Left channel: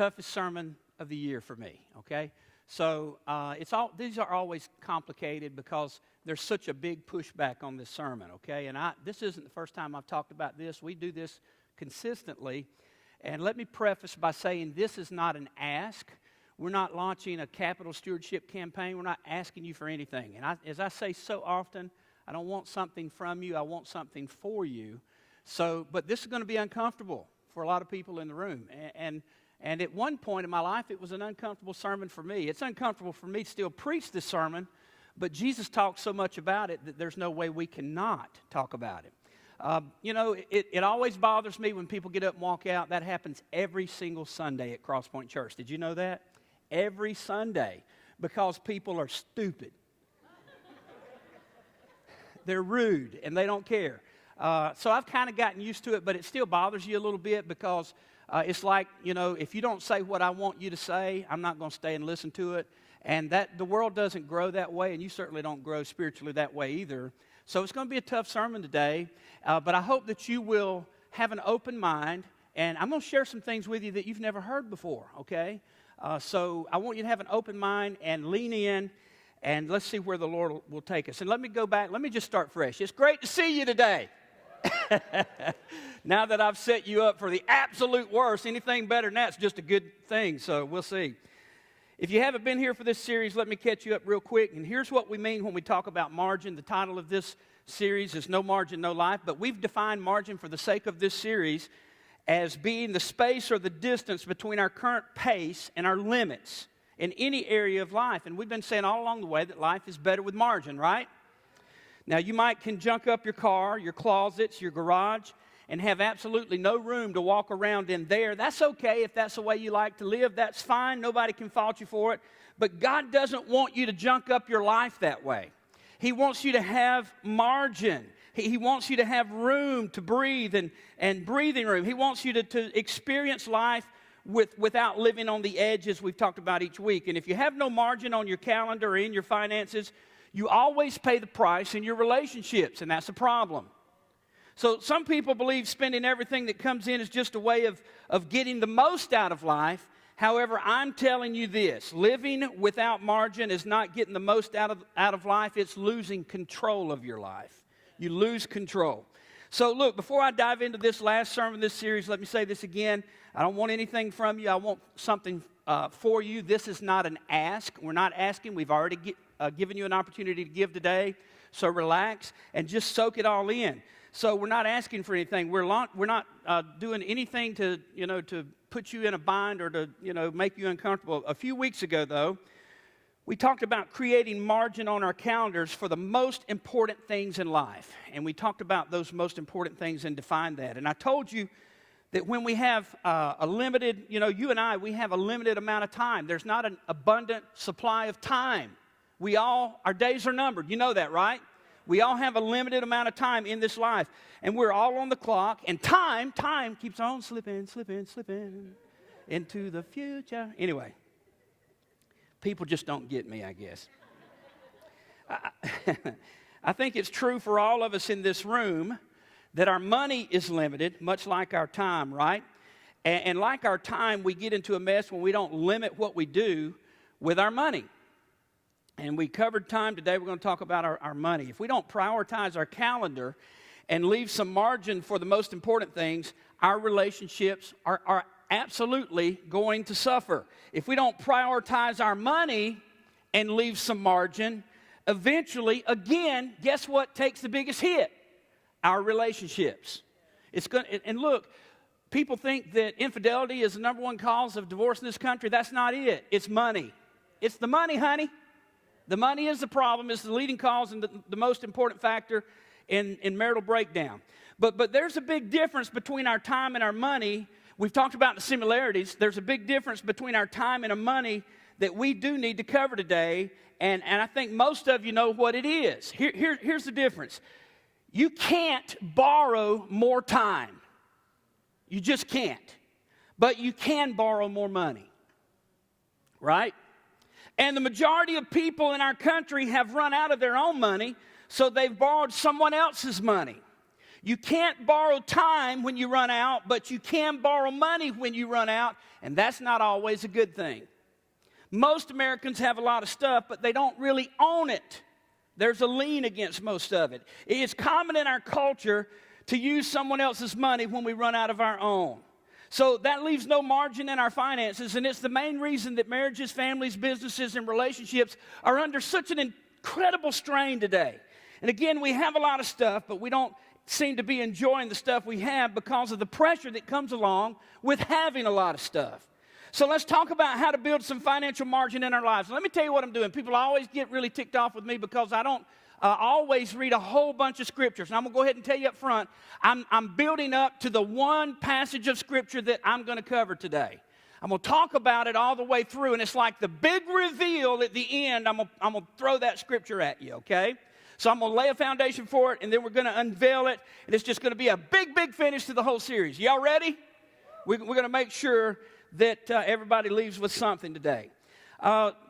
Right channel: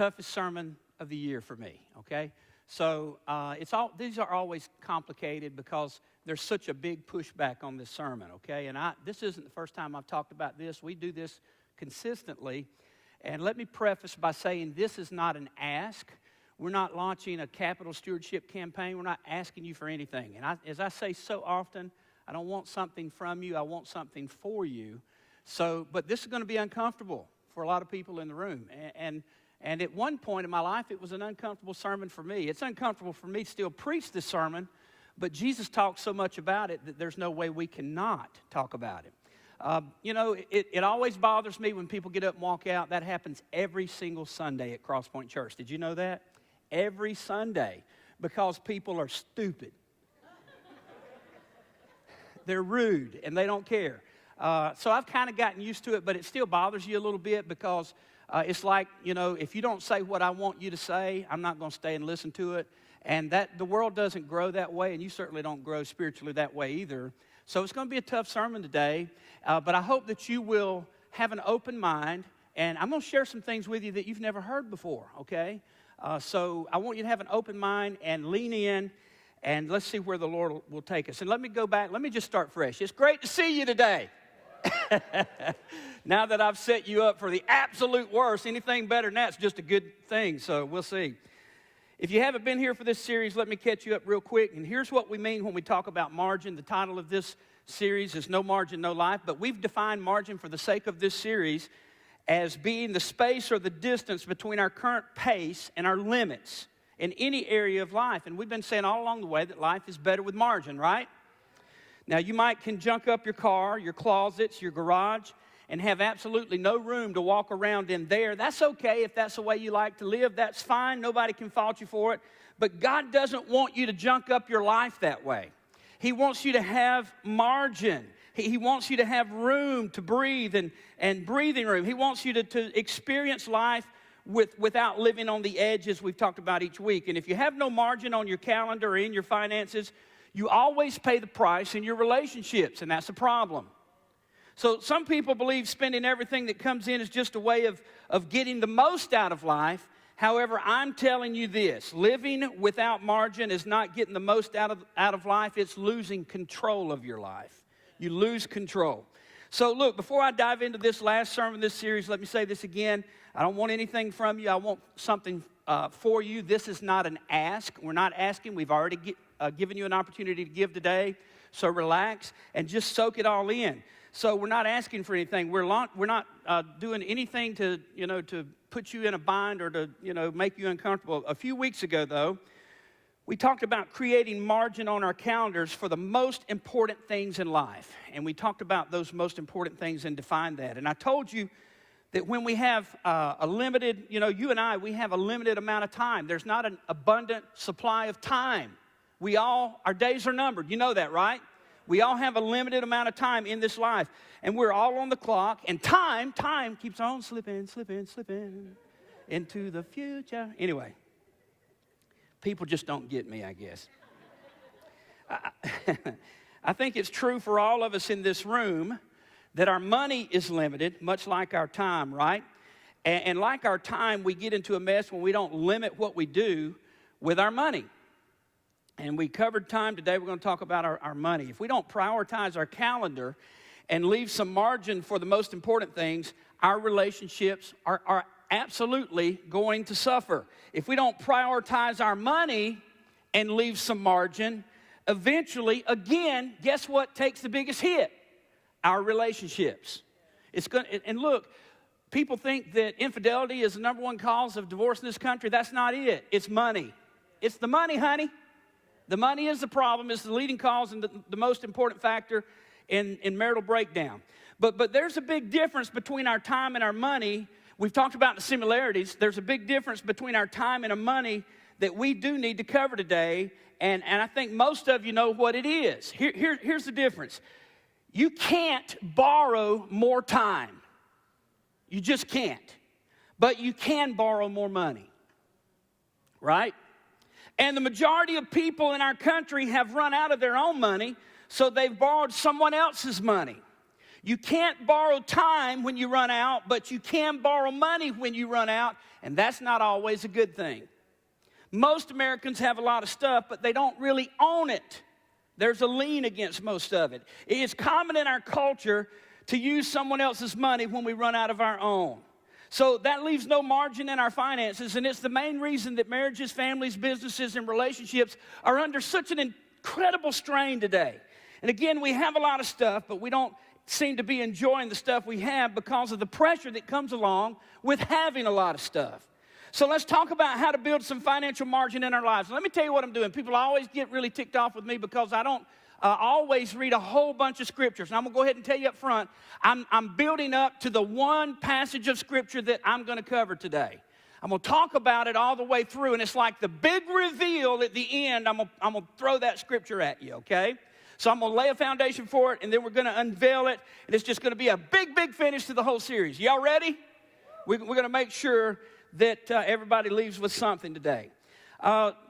toughest sermon of the year for me, okay? So these are always complicated because there's such a big pushback on this sermon, okay? And this isn't the first time I've talked about this. We do this consistently. And let me preface by saying this is not an ask. We're not launching a capital stewardship campaign. We're not asking you for anything. And as I say so often, I don't want something from you. I want something for you. But this is going to be uncomfortable for a lot of people in the room. And at one point in my life, it was an uncomfortable sermon for me. It's uncomfortable for me to still preach this sermon, but Jesus talks so much about it that there's no way we cannot talk about it. It always bothers me when people get up and walk out. That happens every single Sunday at Cross Point Church. Did you know that? Every Sunday, because people are stupid. They're rude, and they don't care. So I've kind of gotten used to it, but it still bothers you a little bit because it's like, if you don't say what I want you to say, I'm not going to stay and listen to it. And the world doesn't grow that way, and you certainly don't grow spiritually that way either. So it's going to be a tough sermon today, but I hope that you will have an open mind, and I'm going to share some things with you that you've never heard before, okay? So I want you to have an open mind and lean in, and let's see where the Lord will take us. And let me go back. Let me just start fresh. It's great to see you today. Now that I've set you up for the absolute worst, anything better than that's just a good thing, so we'll see. If you haven't been here for this series, let me catch you up real quick. And here's what we mean when we talk about margin. The title of this series is No Margin, No Life, but we've defined margin for the sake of this series as being the space or the distance between our current pace and our limits in any area of life. And we've been saying all along the way that life is better with margin, right? Now, you can junk up your car, your closets, your garage, and have absolutely no room to walk around in there. That's okay if that's the way you like to live. That's fine. Nobody can fault you for it. But God doesn't want you to junk up your life that way. He wants you to have margin. He wants you to have room to breathe and breathing room. He wants you to experience life without living on the edge, as we've talked about each week. And if you have no margin on your calendar or in your finances, you always pay the price in your relationships, and that's a problem. So some people believe spending everything that comes in is just a way of getting the most out of life. However, I'm telling you this, living without margin is not getting the most out of life. It's losing control of your life. You lose control. So look, before I dive into this last sermon of this series, let me say this again. I don't want anything from you. I want something for you. This is not an ask. We're not asking. We've already given you an opportunity to give today. So relax and just soak it all in. So we're not asking for anything. We're not doing anything to put you in a bind or to make you uncomfortable. A few weeks ago, though, we talked about creating margin on our calendars for the most important things in life, and we talked about those most important things and defined that. And I told you that when we have a limited, you and I, we have a limited amount of time. There's not an abundant supply of time. Our days are numbered. You know that, right? We all have a limited amount of time in this life, and we're all on the clock, and time keeps on slipping into the future. Anyway, people just don't get me, I guess. I think it's true for all of us in this room that our money is limited, much like our time, right? And like our time, we get into a mess when we don't limit what we do with our money. And we covered time today. We're going to talk about our money. If we don't prioritize our calendar and leave some margin for the most important things, our relationships are absolutely going to suffer. If we don't prioritize our money and leave some margin, eventually, again, guess what takes the biggest hit? Our relationships. And look, people think that infidelity is the number one cause of divorce in this country. That's not it. It's money. It's the money, honey. The money is the problem. It's the leading cause and the most important factor in marital breakdown. But there's a big difference between our time and our money. We've talked about the similarities. There's a big difference between our time and our money that we do need to cover today. And I think most of you know what it is. Here's the difference. You can't borrow more time. You just can't. But you can borrow more money. Right? And the majority of people in our country have run out of their own money, so they've borrowed someone else's money. You can't borrow time when you run out, but you can borrow money when you run out, and that's not always a good thing. Most Americans have a lot of stuff, but they don't really own it. There's a lien against most of it. It is common in our culture to use someone else's money when we run out of our own. So that leaves no margin in our finances, and it's the main reason that marriages, families, businesses, and relationships are under such an incredible strain today. And again, we have a lot of stuff, but we don't seem to be enjoying the stuff we have because of the pressure that comes along with having a lot of stuff. So let's talk about how to build some financial margin in our lives. Let me tell you what I'm doing. People always get really ticked off with me because I don't always read a whole bunch of scriptures. And I'm going to go ahead and tell you up front, I'm building up to the one passage of scripture that I'm going to cover today. I'm going to talk about it all the way through, and it's like the big reveal at the end. I'm going to throw that scripture at you, okay? So I'm going to lay a foundation for it, and then we're going to unveil it, and it's just going to be a big, big finish to the whole series. Y'all ready? We're going to make sure that everybody leaves with something today.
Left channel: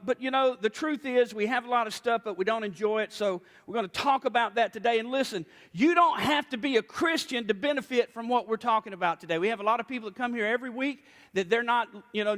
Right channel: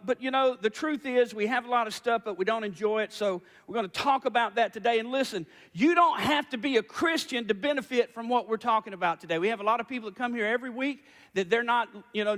But, you know, the truth is we have a lot of stuff, but we don't enjoy it, so we're going to talk about that today. And listen, you don't have to be a Christian to benefit from what we're talking about today. We have a lot of people that come here every week that they're not,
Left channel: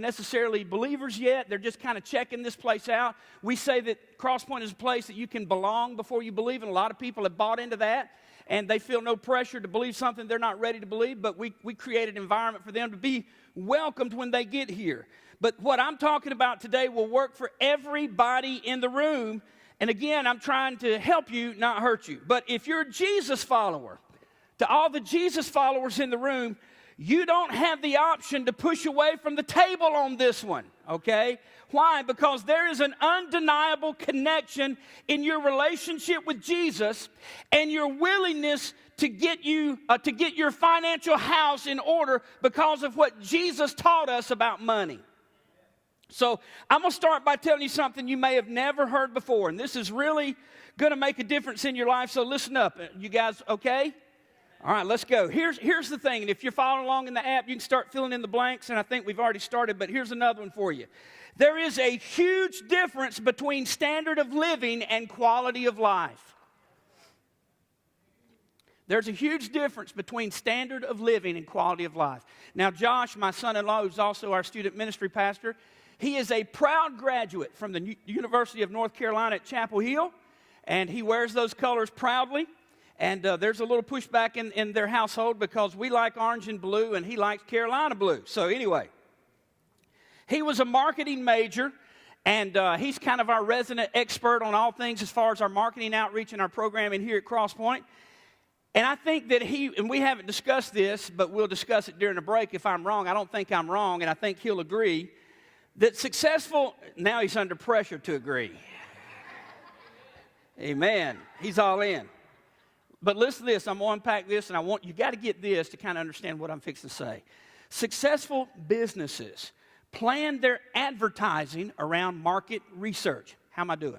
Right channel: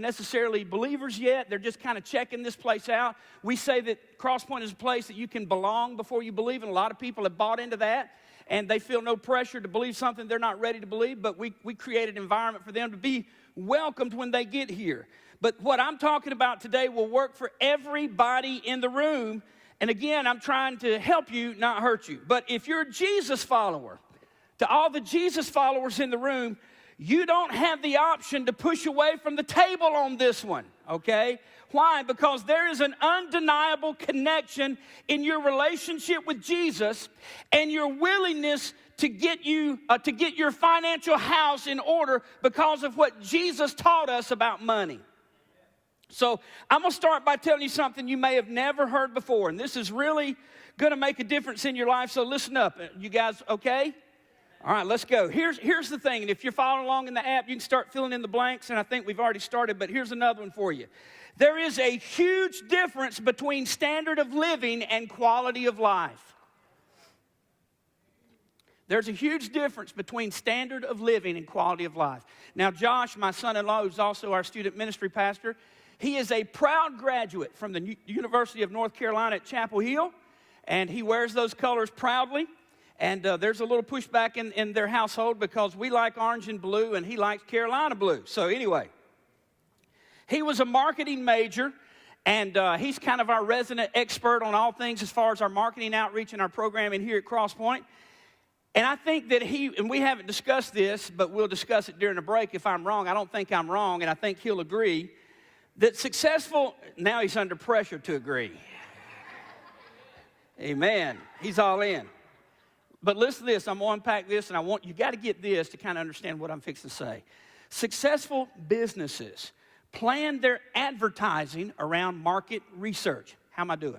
necessarily believers yet. They're just kind of checking this place out. We say that Crosspoint is a place that you can belong before you believe, and a lot of people have bought into that, and they feel no pressure to believe something they're not ready to believe, but we create an environment for them to be welcomed when they get here. But what I'm talking about today will work for everybody in the room. And again, I'm trying to help you, not hurt you. But if you're a Jesus follower, to all the Jesus followers in the room, you don't have the option to push away from the table on this one, okay? Why? Because there is an undeniable connection in your relationship with Jesus and your willingness to get your financial house in order because of what Jesus taught us about money. So I'm going to start by telling you something you may have never heard before, and this is really going to make a difference in your life, so listen up. You guys okay? All right, let's go. Here's the thing, and if you're following along in the app, you can start filling in the blanks, and I think we've already started, but here's another one for you. There is a huge difference between standard of living and quality of life. There's a huge difference between standard of living and quality of life. Now, Josh, my son-in-law, who's also our student ministry pastor, he is a proud graduate from the University of North Carolina at Chapel Hill, and he wears those colors proudly. And there's a little pushback in their household because we like orange and blue, and he likes Carolina blue. So anyway, he was a marketing major, and he's kind of our resident expert on all things as far as our marketing outreach and our programming here at Crosspoint. And I think that and we haven't discussed this, but we'll discuss it during the break if I'm wrong. I don't think I'm wrong, and I think he'll agree that now he's under pressure to agree. Amen. He's all in. But listen to this. I'm going to unpack this, and you got to get this to kind of understand what I'm fixing to say. Successful businesses plan their advertising around market research. How am I doing?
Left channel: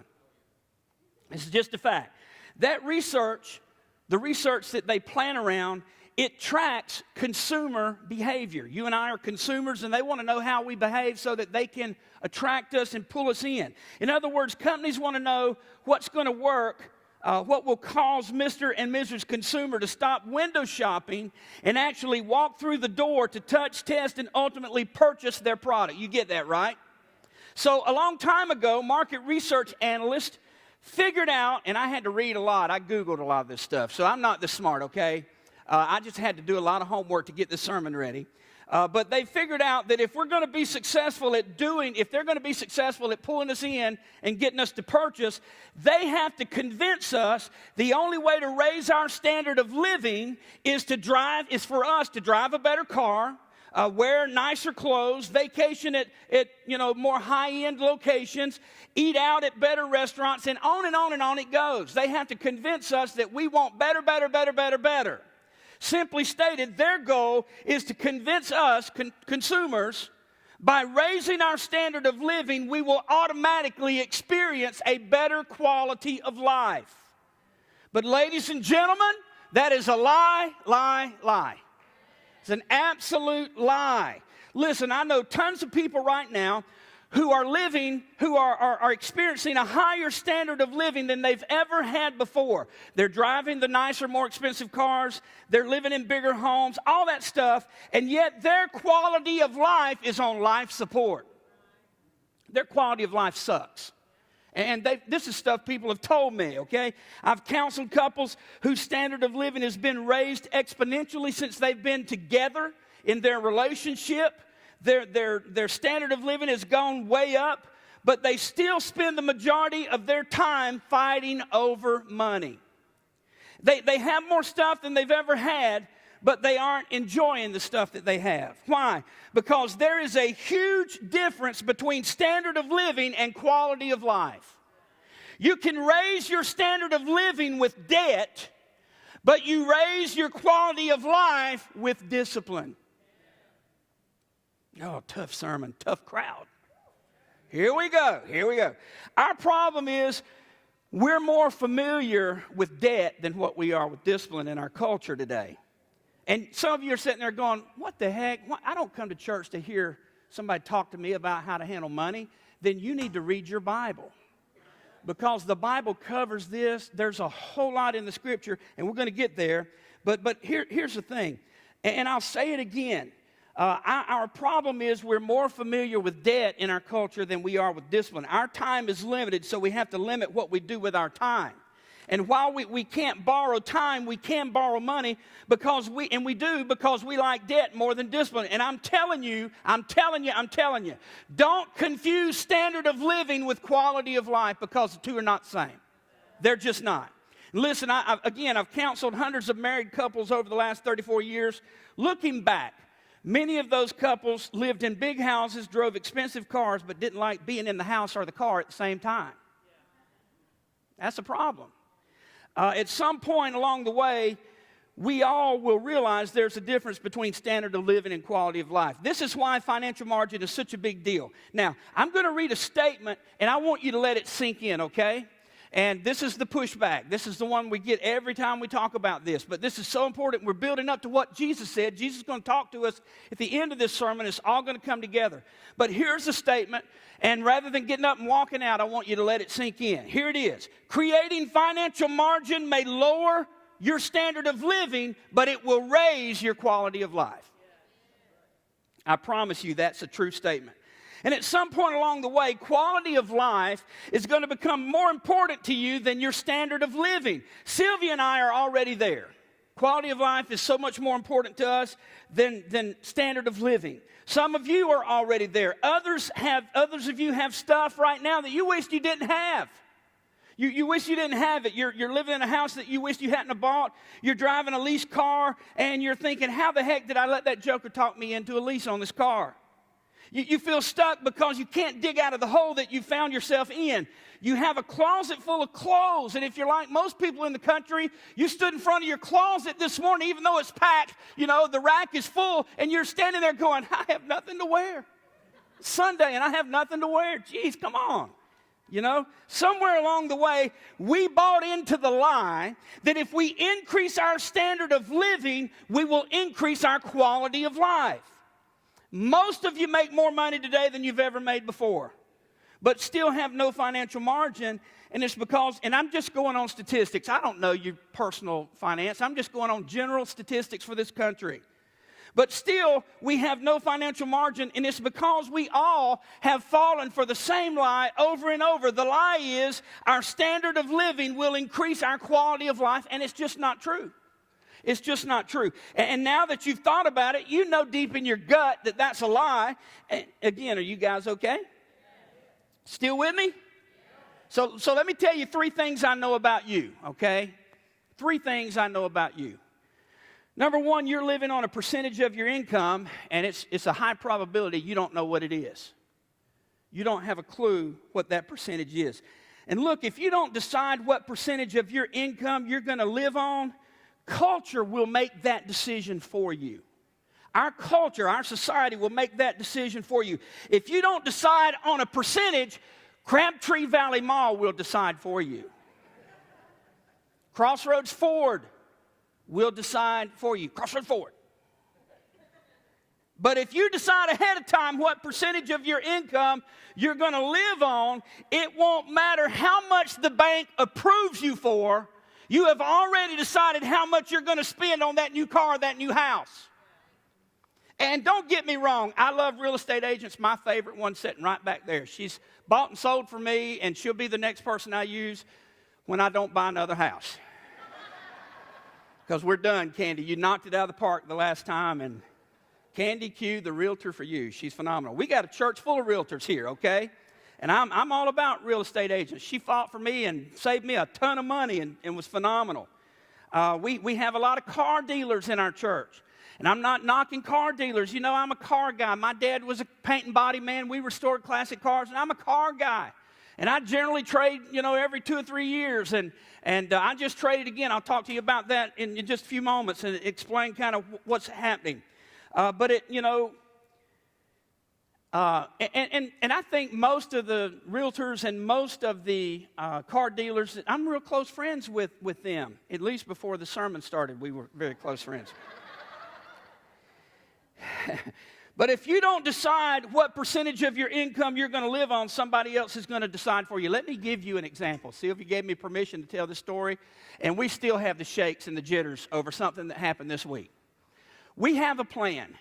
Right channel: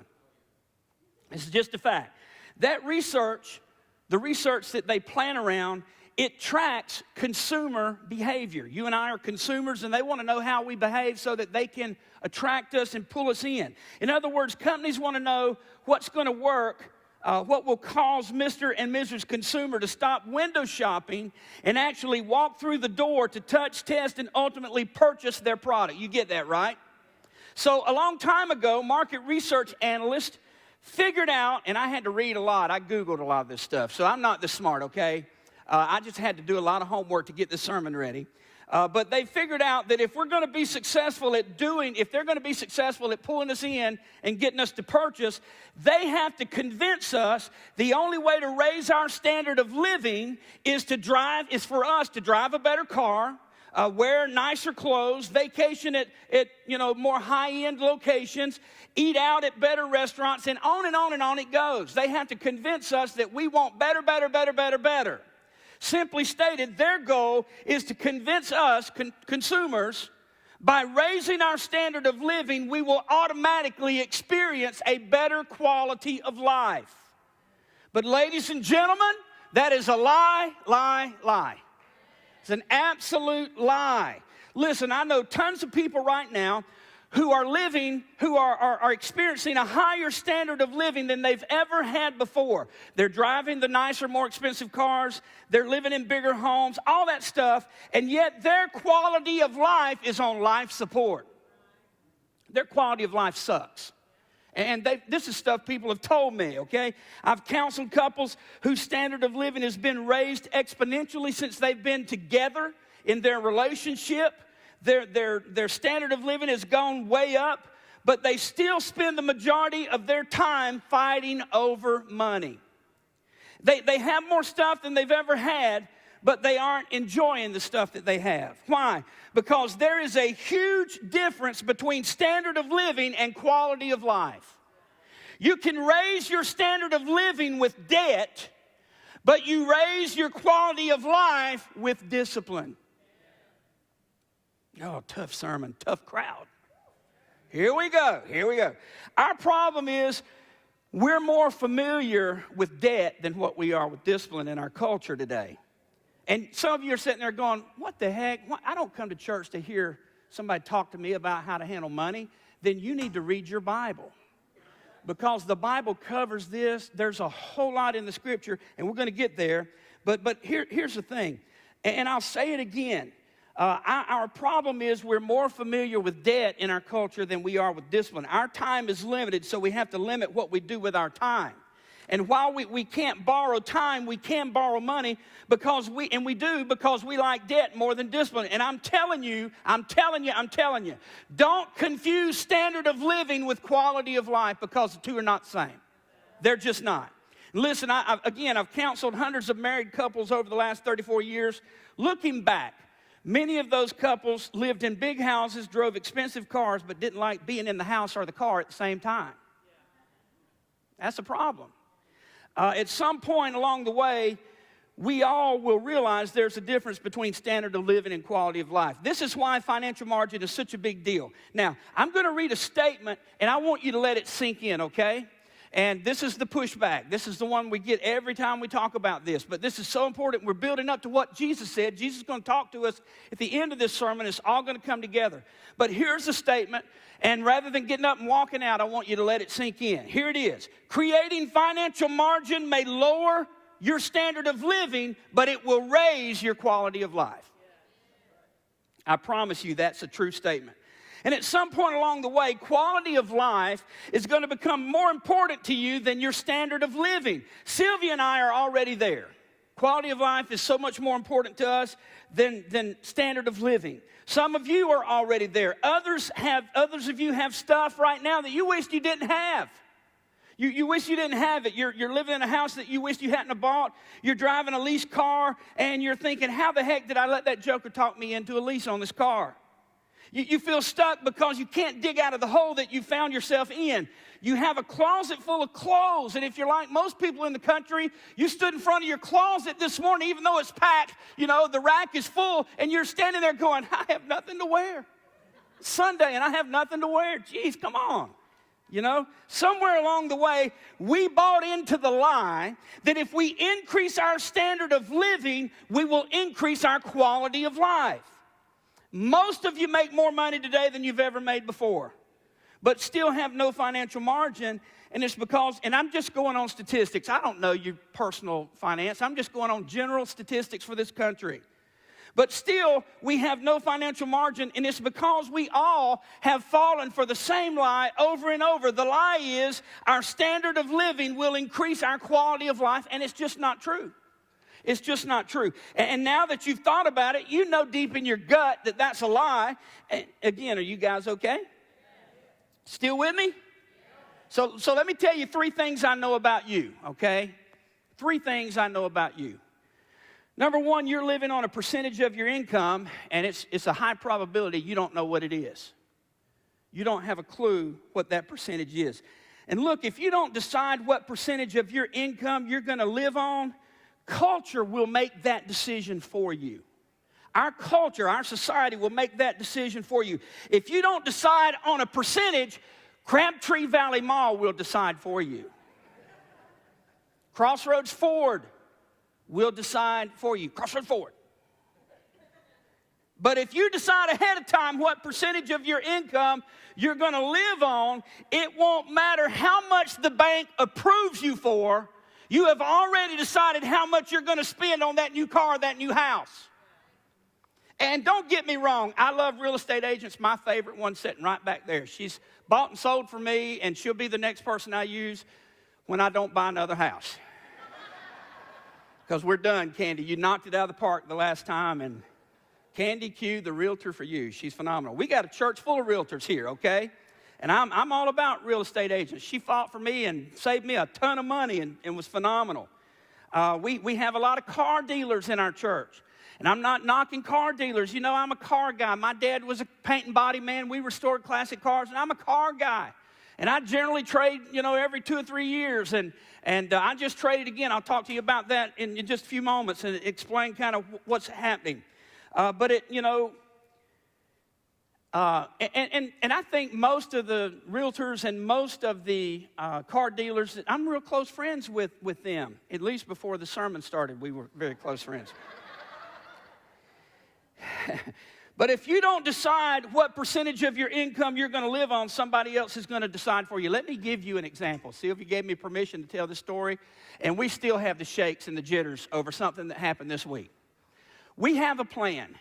This is just a fact. That research, the research that they plan around, it tracks consumer behavior. You and I are consumers, and they want to know how we behave so that they can attract us and pull us in. In other words, companies want to know what's going to work, what will cause Mr. and Mrs. Consumer to stop window shopping and actually walk through the door to touch, test, and ultimately purchase their product. You get that, right? So a long time ago, market research analysts figured out, and I had to read a lot. I Googled a lot of this stuff, so I'm not this smart, okay? I just had to do a lot of homework to get this sermon ready. But they figured out that if they're going to be successful at pulling us in and getting us to purchase, they have to convince us the only way to raise our standard of living is for us to drive a better car, wear nicer clothes, vacation at more high-end locations, eat out at better restaurants, and on it goes. They have to convince us that we want better. Simply stated, their goal is to convince us, consumers, by raising our standard of living, we will automatically experience a better quality of life. But ladies and gentlemen, that is a lie. It's an absolute lie. Listen, I know tons of people right now who are experiencing a higher standard of living than they've ever had before. They're driving the nicer, more expensive cars. They're living in bigger homes, all that stuff. And yet their quality of life is on life support. Their quality of life sucks. And this is stuff people have told me, okay? I've counseled couples whose standard of living has been raised exponentially since they've been together in their relationship. Their standard of living has gone way up, but they still spend the majority of their time fighting over money. They have more stuff than they've ever had, but they aren't enjoying the stuff that they have. Why? Because there is a huge difference between standard of living and quality of life. You can raise your standard of living with debt, but you raise your quality of life with discipline. Oh, tough sermon, tough crowd. Here we go. Our problem is we're more familiar with debt than what we are with discipline in our culture today. And some of you are sitting there going, what the heck? I don't come to church to hear somebody talk to me about how to handle money. Then you need to read your Bible. Because the Bible covers this. There's a whole lot in the Scripture, and we're going to get there. But here's the thing, and I'll say it again. Our problem is we're more familiar with debt in our culture than we are with discipline. Our time is limited, so we have to limit what we do with our time. And while we can't borrow time, we can borrow money because we like debt more than discipline. And I'm telling you, don't confuse standard of living with quality of life, because the two are not the same. They're just not. Listen, I've counseled hundreds of married couples over the last 34 years. Looking back, many of those couples lived in big houses, drove expensive cars, but didn't like being in the house or the car at the same time. That's a problem. At some point along the way, we all will realize there's a difference between standard of living and quality of life. This is why financial margin is such a big deal. Now, I'm going to read a statement, and I want you to let it sink in, okay? And this is the pushback. This is the one we get every time we talk about this. But this is so important. We're building up to what Jesus said. Jesus is going to talk to us at the end of this sermon. It's all going to come together. But here's the statement. And rather than getting up and walking out, I want you to let it sink in. Here it is. Creating financial margin may lower your standard of living, but it will raise your quality of life. I promise you that's a true statement. And at some point along the way, quality of life is going to become more important to you than your standard of living. Sylvia and I are already there. Quality of life is so much more important to us than standard of living. Some of you are already there. Others of you have stuff right now that you wish you didn't have. You wish you didn't have it. You're living in a house that you wish you hadn't have bought. You're driving a leased car, and you're thinking, how the heck did I let that joker talk me into a lease on this car? You feel stuck because you can't dig out of the hole that you found yourself in. You have a closet full of clothes, and if you're like most people in the country, you stood in front of your closet this morning, even though it's packed, the rack is full, and you're standing there going, I have nothing to wear. It's Sunday, and I have nothing to wear. Jeez, come on. Somewhere along the way, we bought into the lie that if we increase our standard of living, we will increase our quality of life. Most of you make more money today than you've ever made before, but still have no financial margin. And it's because, and I'm just going on statistics. I don't know your personal finance. I'm just going on general statistics for this country. But still, we have no financial margin, and it's because we all have fallen for the same lie over and over. The lie is our standard of living will increase our quality of life, and it's just not true. It's just not true. And now that you've thought about it, you know deep in your gut that that's a lie. And again, are you guys okay? Still with me? So let me tell you 3 things I know about you, okay? 3 things I know about you. Number 1, you're living on a percentage of your income, and it's a high probability you don't know what it is. You don't have a clue what that percentage is. And look, if you don't decide what percentage of your income you're going to live on, culture will make that decision for you. Our culture, our society will make that decision for you. If you don't decide on a percentage, Crabtree Valley Mall will decide for you. Crossroads Ford will decide for you. Crossroads Ford. But if you decide ahead of time what percentage of your income you're going to live on, it won't matter how much the bank approves you for. You have already decided how much you're going to spend on that new car, that new house. And don't get me wrong, I love real estate agents. My favorite one sitting right back there. She's bought and sold for me, and she'll be the next person I use when I don't buy another house. Because we're done, Candy. You knocked it out of the park the last time, and Candy Q, the realtor for you. She's phenomenal. We got a church full of realtors here, okay? And I'm all about real estate agents. She fought for me and saved me a ton of money and was phenomenal. We have a lot of car dealers in our church. And I'm not knocking car dealers. You know, I'm a car guy. My dad was a paint and body man. We restored classic cars, and I'm a car guy. And I generally trade, every 2 or 3 years. And I just traded again. I'll talk to you about that in just a few moments and explain kind of what's happening. And I think most of the realtors and most of the car dealers, I'm real close friends with them. At least before the sermon started, we were very close friends. But if you don't decide what percentage of your income you're going to live on, somebody else is going to decide for you. Let me give you an example. Sylvia gave me permission to tell this story, and we still have the shakes and the jitters over something that happened this week. We have a plan.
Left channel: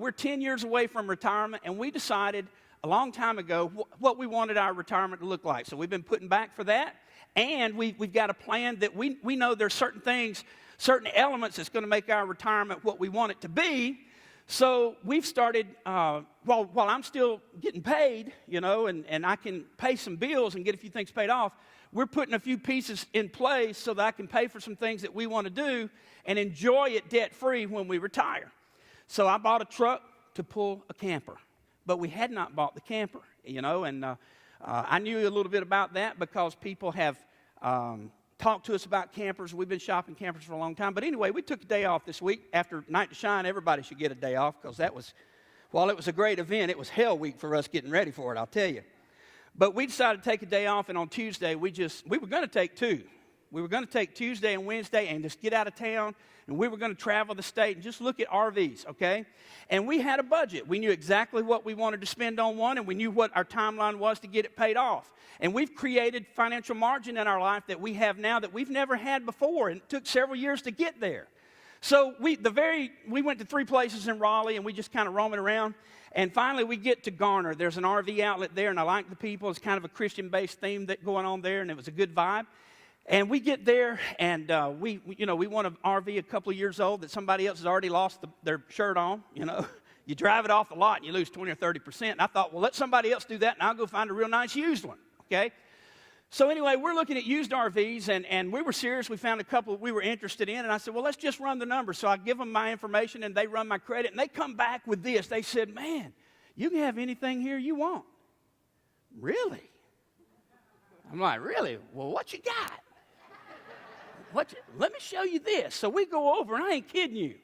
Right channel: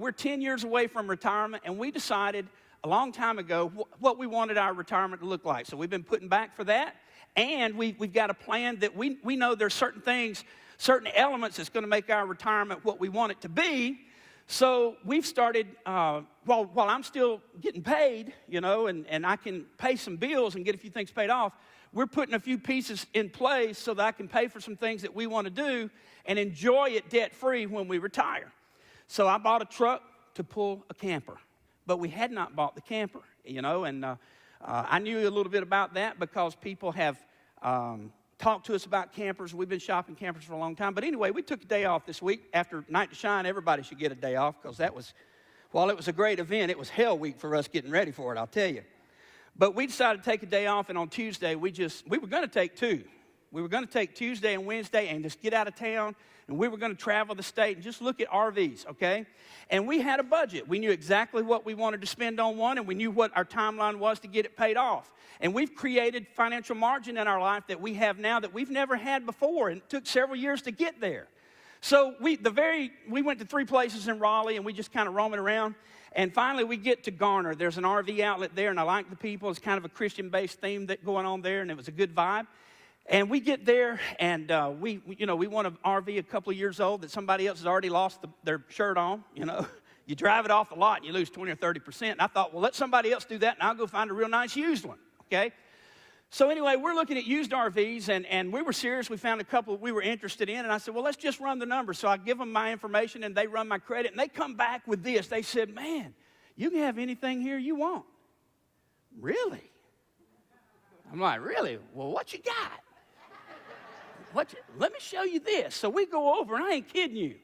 We're 10 years away from retirement, and we decided a long time ago what we wanted our retirement to look like. So we've been putting back for that, and we've got a plan that we know there's certain things, certain elements that's going to make our retirement what we want it to be. So we've started, while I'm still getting paid, and I can pay some bills and get a few things paid off, we're putting a few pieces in place so that I can pay for some things that we want to do and enjoy it debt-free when we retire. So I bought a truck to pull a camper, but we had not bought the camper, and I knew a little bit about that because people have talked to us about campers. We've been shopping campers for a long time. But anyway, we took a day off this week. After Night to Shine, everybody should get a day off because while it was a great event, it was hell week for us getting ready for it, I'll tell you. But we decided to take a day off, and on Tuesday, we were going to take 2. We were going to take Tuesday and Wednesday and just get out of town, and we were going to travel the state and just look at RVs, okay? And we had a budget. We knew exactly what we wanted to spend on one, and we knew what our timeline was to get it paid off. And we've created financial margin in our life that we have now that we've never had before, and it took several years to get there. So we went to 3 places in Raleigh, and we just kind of roaming around. And finally, we get to Garner. There's an RV outlet there, and I like the people. It's kind of a Christian-based theme that going on there, and it was a good vibe. And we get there, and we want an RV a couple of years old that somebody else has already lost their shirt on. You drive it off the lot, and you lose 20 or 30%. And I thought, well, let somebody else do that, and I'll go find a real nice used one. Okay? So anyway, we're looking at used RVs, and we were serious. We found a couple we were interested in, and I said, well, let's just run the numbers. So I give them my information, and they run my credit, and they come back with this. They said, man, you can have anything here you want. Really? I'm like, really? Well, what you got? Let me show you this. So we go over, and I ain't kidding you.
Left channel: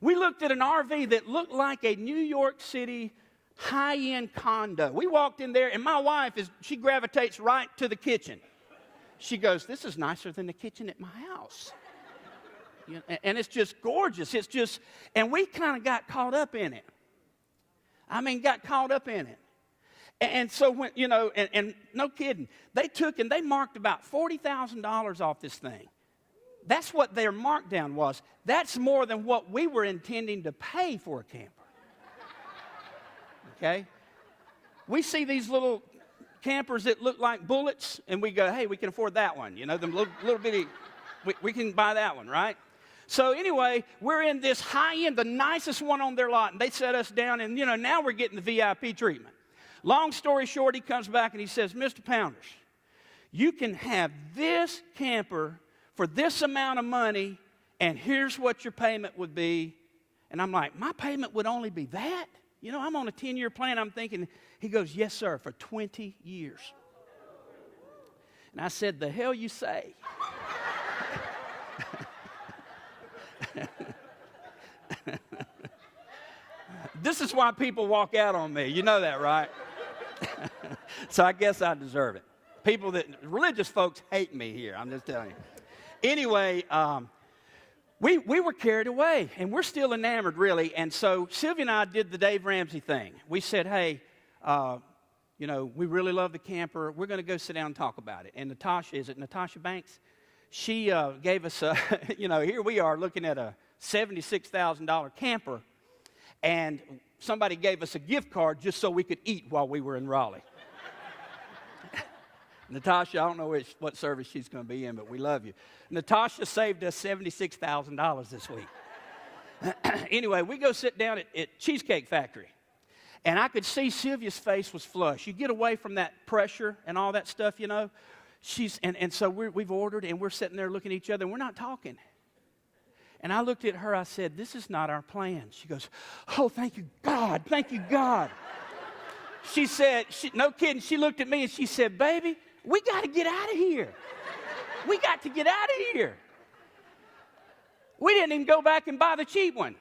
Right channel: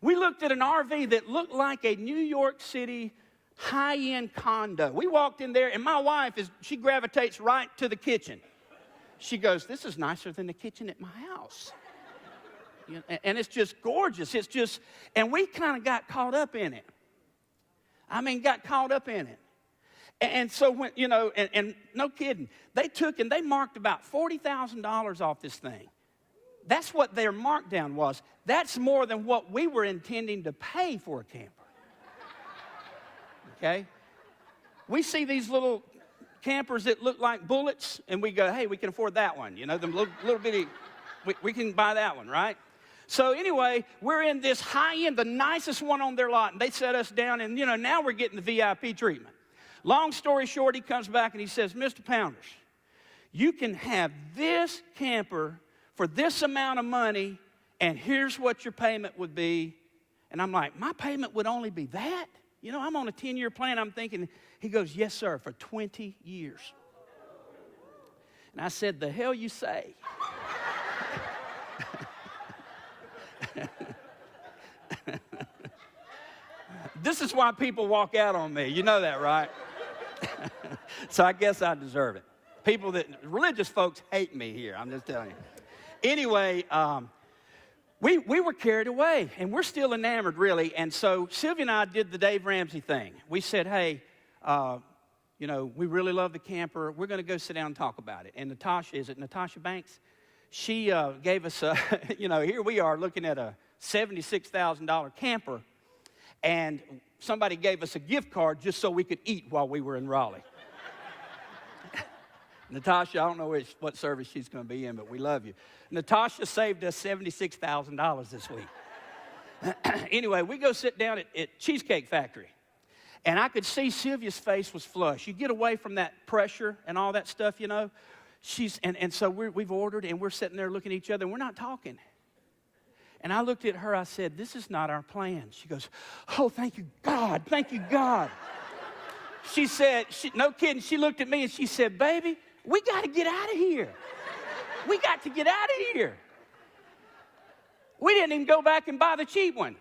We looked at an RV that looked like a New York City high-end condo. We walked in there, and my wife, she gravitates right to the kitchen. She goes, this is nicer than the kitchen at my house. And it's just gorgeous. And we kind of got caught up in it. And so, when, and no kidding, they took and they marked about $40,000 off this thing. That's what their markdown was. That's more than what we were intending to pay for a camper. Okay? We see these little campers that look like bullets, and we go, hey, we can afford that one. Them little bitty, we can buy that one, right? So anyway, we're in this high-end, the nicest one on their lot, and they set us down, and, now we're getting the VIP treatment. Long story short, he comes back and he says, Mr. Pounders, you can have this camper for this amount of money, and here's what your payment would be. And I'm like, my payment would only be that? I'm on a 10-year plan. I'm thinking, he goes, yes, sir, for 20 years. And I said, the hell you say? This is why people walk out on me. You know that, right? So I guess I deserve it. Religious folks hate me here. I'm just telling you. Anyway, we were carried away, and we're still enamored, really. And so Sylvia and I did the Dave Ramsey thing. We said, hey, we really love the camper. We're going to go sit down and talk about it. And Natasha Banks? She gave us here we are looking at a $76,000 camper, and somebody gave us a gift card just so we could eat while we were in Raleigh. Natasha, I don't know what service she's going to be in, but we love you. Natasha saved us $76,000 this week. Anyway, we go sit down at Cheesecake Factory, and I could see Sylvia's face was flushed. You get away from that pressure and all that stuff, So we've ordered, and we're sitting there looking at each other, and we're not talking. And I looked at her, I said, this is not our plan. She goes, oh, thank you, God, thank you, God. She said, no kidding, she looked at me and she said, baby, we got to get out of here. We got to get out of here. We didn't even go back and buy the cheap one.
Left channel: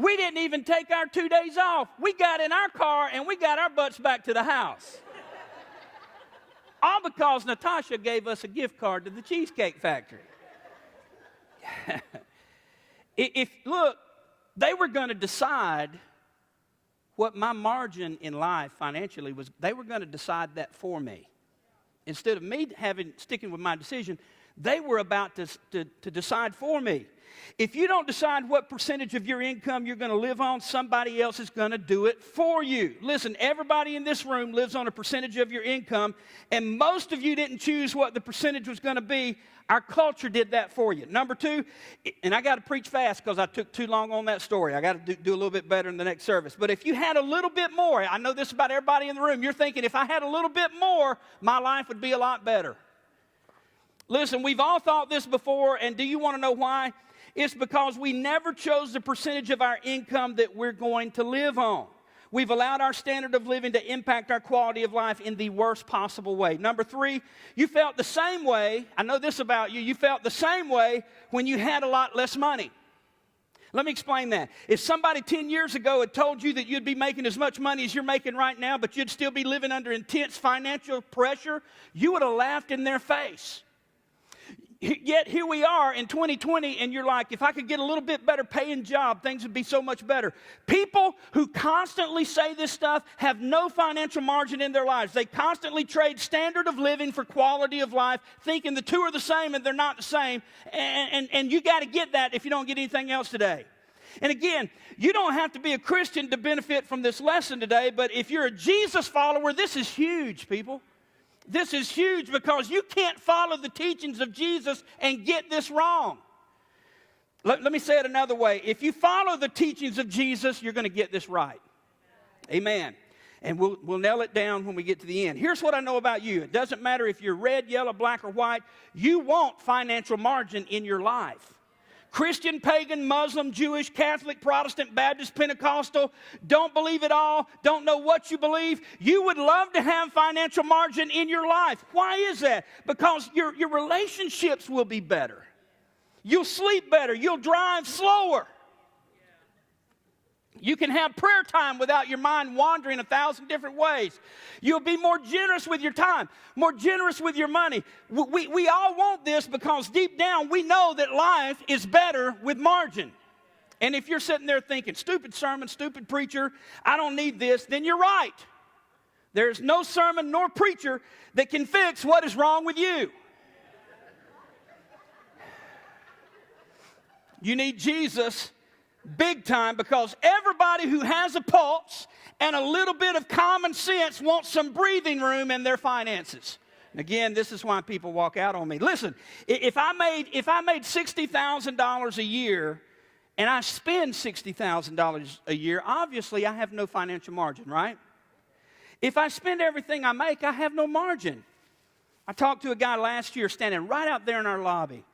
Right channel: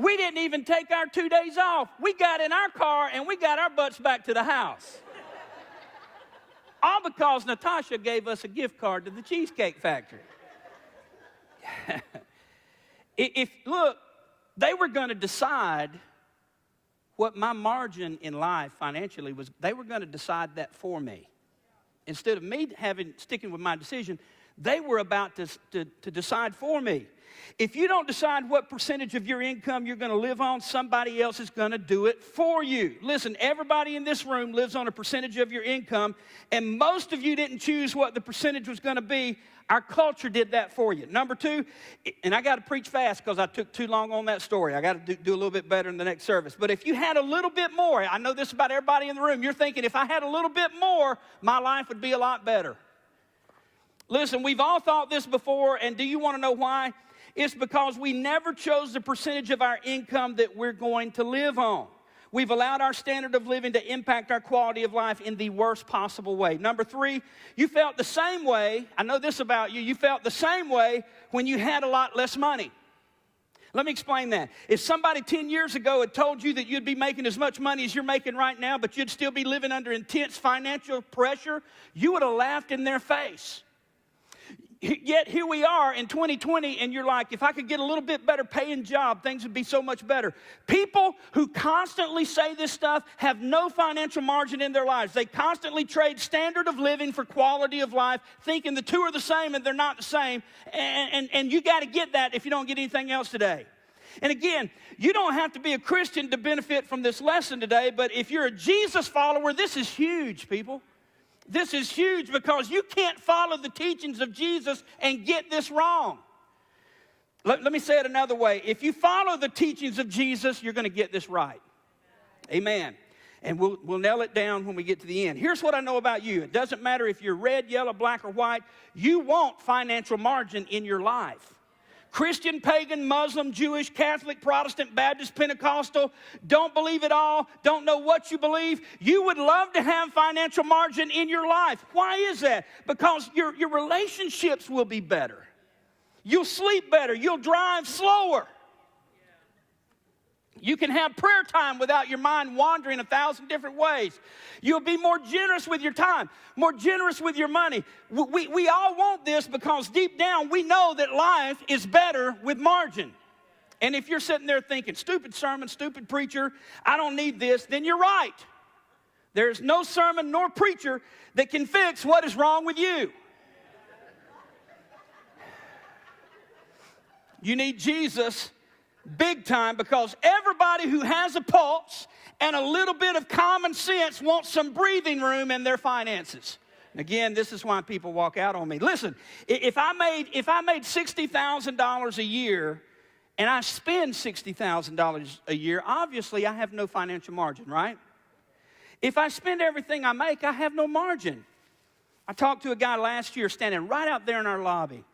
We didn't even take our 2 days off. We got in our car and we got our butts back to the house. All because Natasha gave us a gift card to the Cheesecake Factory. Look, they were going to decide what my margin in life financially was. They were going to decide that for me. Instead of me sticking with my decision, they were about to decide for me. If you don't decide what percentage of your income you're going to live on, somebody else is going to do it for you. Listen, everybody in this room lives on a percentage of your income, and most of you didn't choose what the percentage was going to be. Our culture did that for you. Number two, and I got to preach fast because I took too long on that story. I got to do a little bit better in the next service. But if you had a little bit more, I know this about everybody in the room, you're thinking, if I had a little bit more, my life would be a lot better. Listen, we've all thought this before, and do you want to know why? It's because we never chose the percentage of our income that we're going to live on. We've allowed our standard of living to impact our quality of life in the worst possible way. Number three, you felt the same way. I know this about you. You felt the same way when you had a lot less money. Let me explain that. If somebody 10 years ago had told you that you'd be making as much money as you're making right now, but you'd still be living under intense financial pressure, you would have laughed in their face. Yet here we are in 2020, and you're like, if I could get a little bit better paying job, things would be so much better. People who constantly say this stuff have no financial margin in their lives. They constantly trade standard of living for quality of life, thinking the two are the same and they're not the same. And you got to get that if you don't get anything else today. And again, you don't have to be a Christian to benefit from this lesson today, but if you're a Jesus follower, this is huge, people. This is huge because you can't follow the teachings of Jesus and get this wrong. Let me say it another way. If you follow the teachings of Jesus, you're going to get this right. Amen. And we'll nail it down when we get to the end. Here's what I know about you. It doesn't matter if you're red, yellow, black, or white. You want financial margin in your life. Christian, pagan, Muslim, Jewish, Catholic, Protestant, Baptist, Pentecostal, don't believe it all, don't know what you believe. You would love to have financial margin in your life. Why is that? Because your relationships will be better. You'll sleep better. You'll drive slower. You can have prayer time without your mind wandering 1,000 different ways. You'll be more generous with your time, more generous with your money. We all want this because deep down we know that life is better with margin. And if you're sitting there thinking, stupid sermon, stupid preacher, I don't need this, then you're right. There's no sermon nor preacher that can fix what is wrong with you. You need Jesus big time because everybody who has a pulse and a little bit of common sense wants some breathing room in their finances. And again, this is why people walk out on me. Listen, if I made $60,000 a year and I spend $60,000 a year, obviously I have no financial margin, right? If I spend everything I make, I have no margin. I talked to a guy last year standing right out there in our lobby.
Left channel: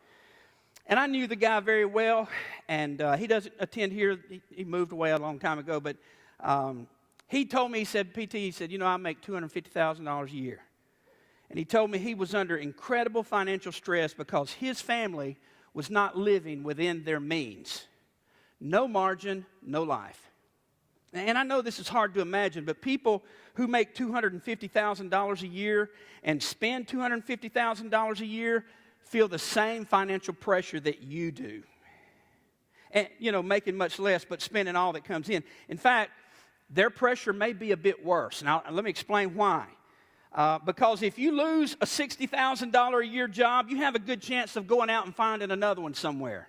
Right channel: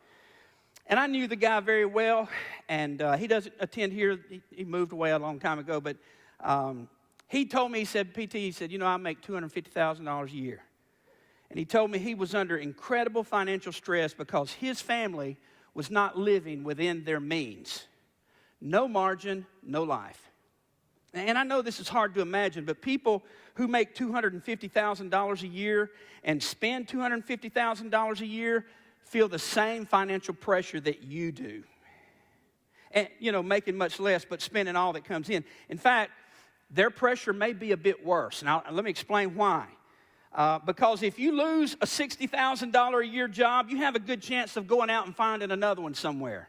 And I knew the guy very well, and he doesn't attend here. He moved away a long time ago, but he told me, he said, I make $250,000 a year. And he told me he was under incredible financial stress because his family was not living within their means. No margin, no life. And I know this is hard to imagine, but people who make $250,000 a year and spend $250,000 a year feel the same financial pressure that you do. and, making much less but spending all that comes in. In fact, their pressure may be a bit worse. Now, let me explain why. Because if you lose a $60,000 a year job, you have a good chance of going out and finding another one somewhere.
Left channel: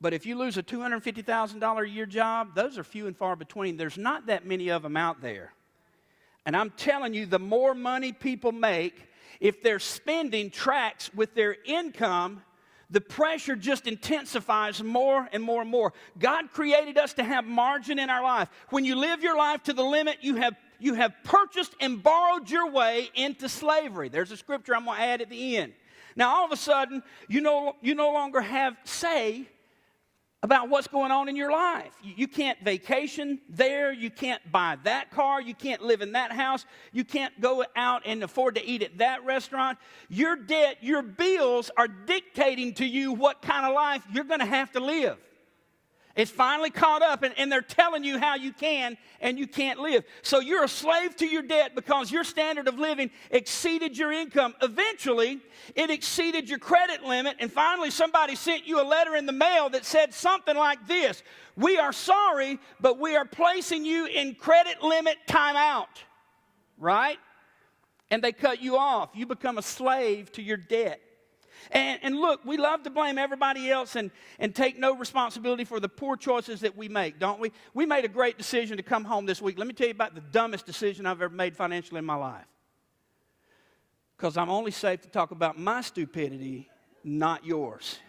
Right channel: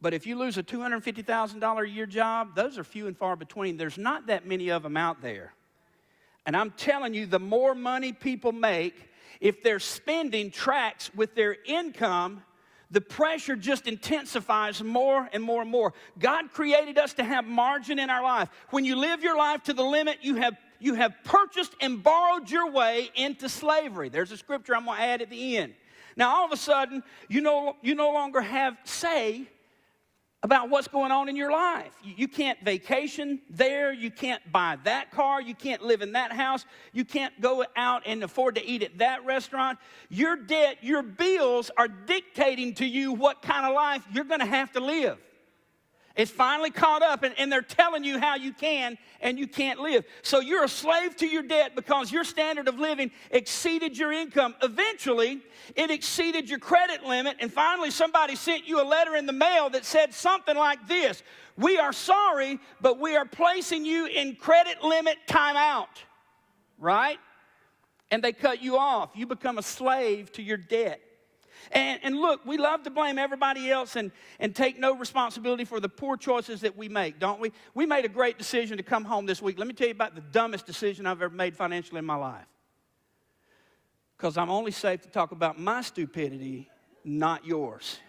But if you lose a $250,000 a year job, those are few and far between. There's not that many of them out there. And I'm telling you, the more money people make, if their spending tracks with their income, the pressure just intensifies more and more and more. God created us to have margin in our life. When you live your life to the limit, you have purchased and borrowed your way into slavery. There's a scripture I'm going to add at the end. Now, all of a sudden, you no longer have say about what's going on in your life. You can't vacation there. You can't buy that car. You can't live in that house. You can't go out and afford to eat at that restaurant. Your debt, your bills are dictating to you what kind of life you're going to have to live. It's finally caught up, and they're telling you how you can and you can't live. So you're a slave to your debt because your standard of living exceeded your income. Eventually, it exceeded your credit limit, and finally somebody sent you a letter in the mail that said something like this: "We are sorry, but we are placing you in credit limit timeout." Right? And they cut you off. You become a slave to your debt. And look, we love to blame everybody else and take no responsibility for the poor choices that we make, don't we? We made a great decision to come home this week. Let me tell you about the dumbest decision I've ever made financially in my life. Because I'm only safe to talk about my stupidity, not yours.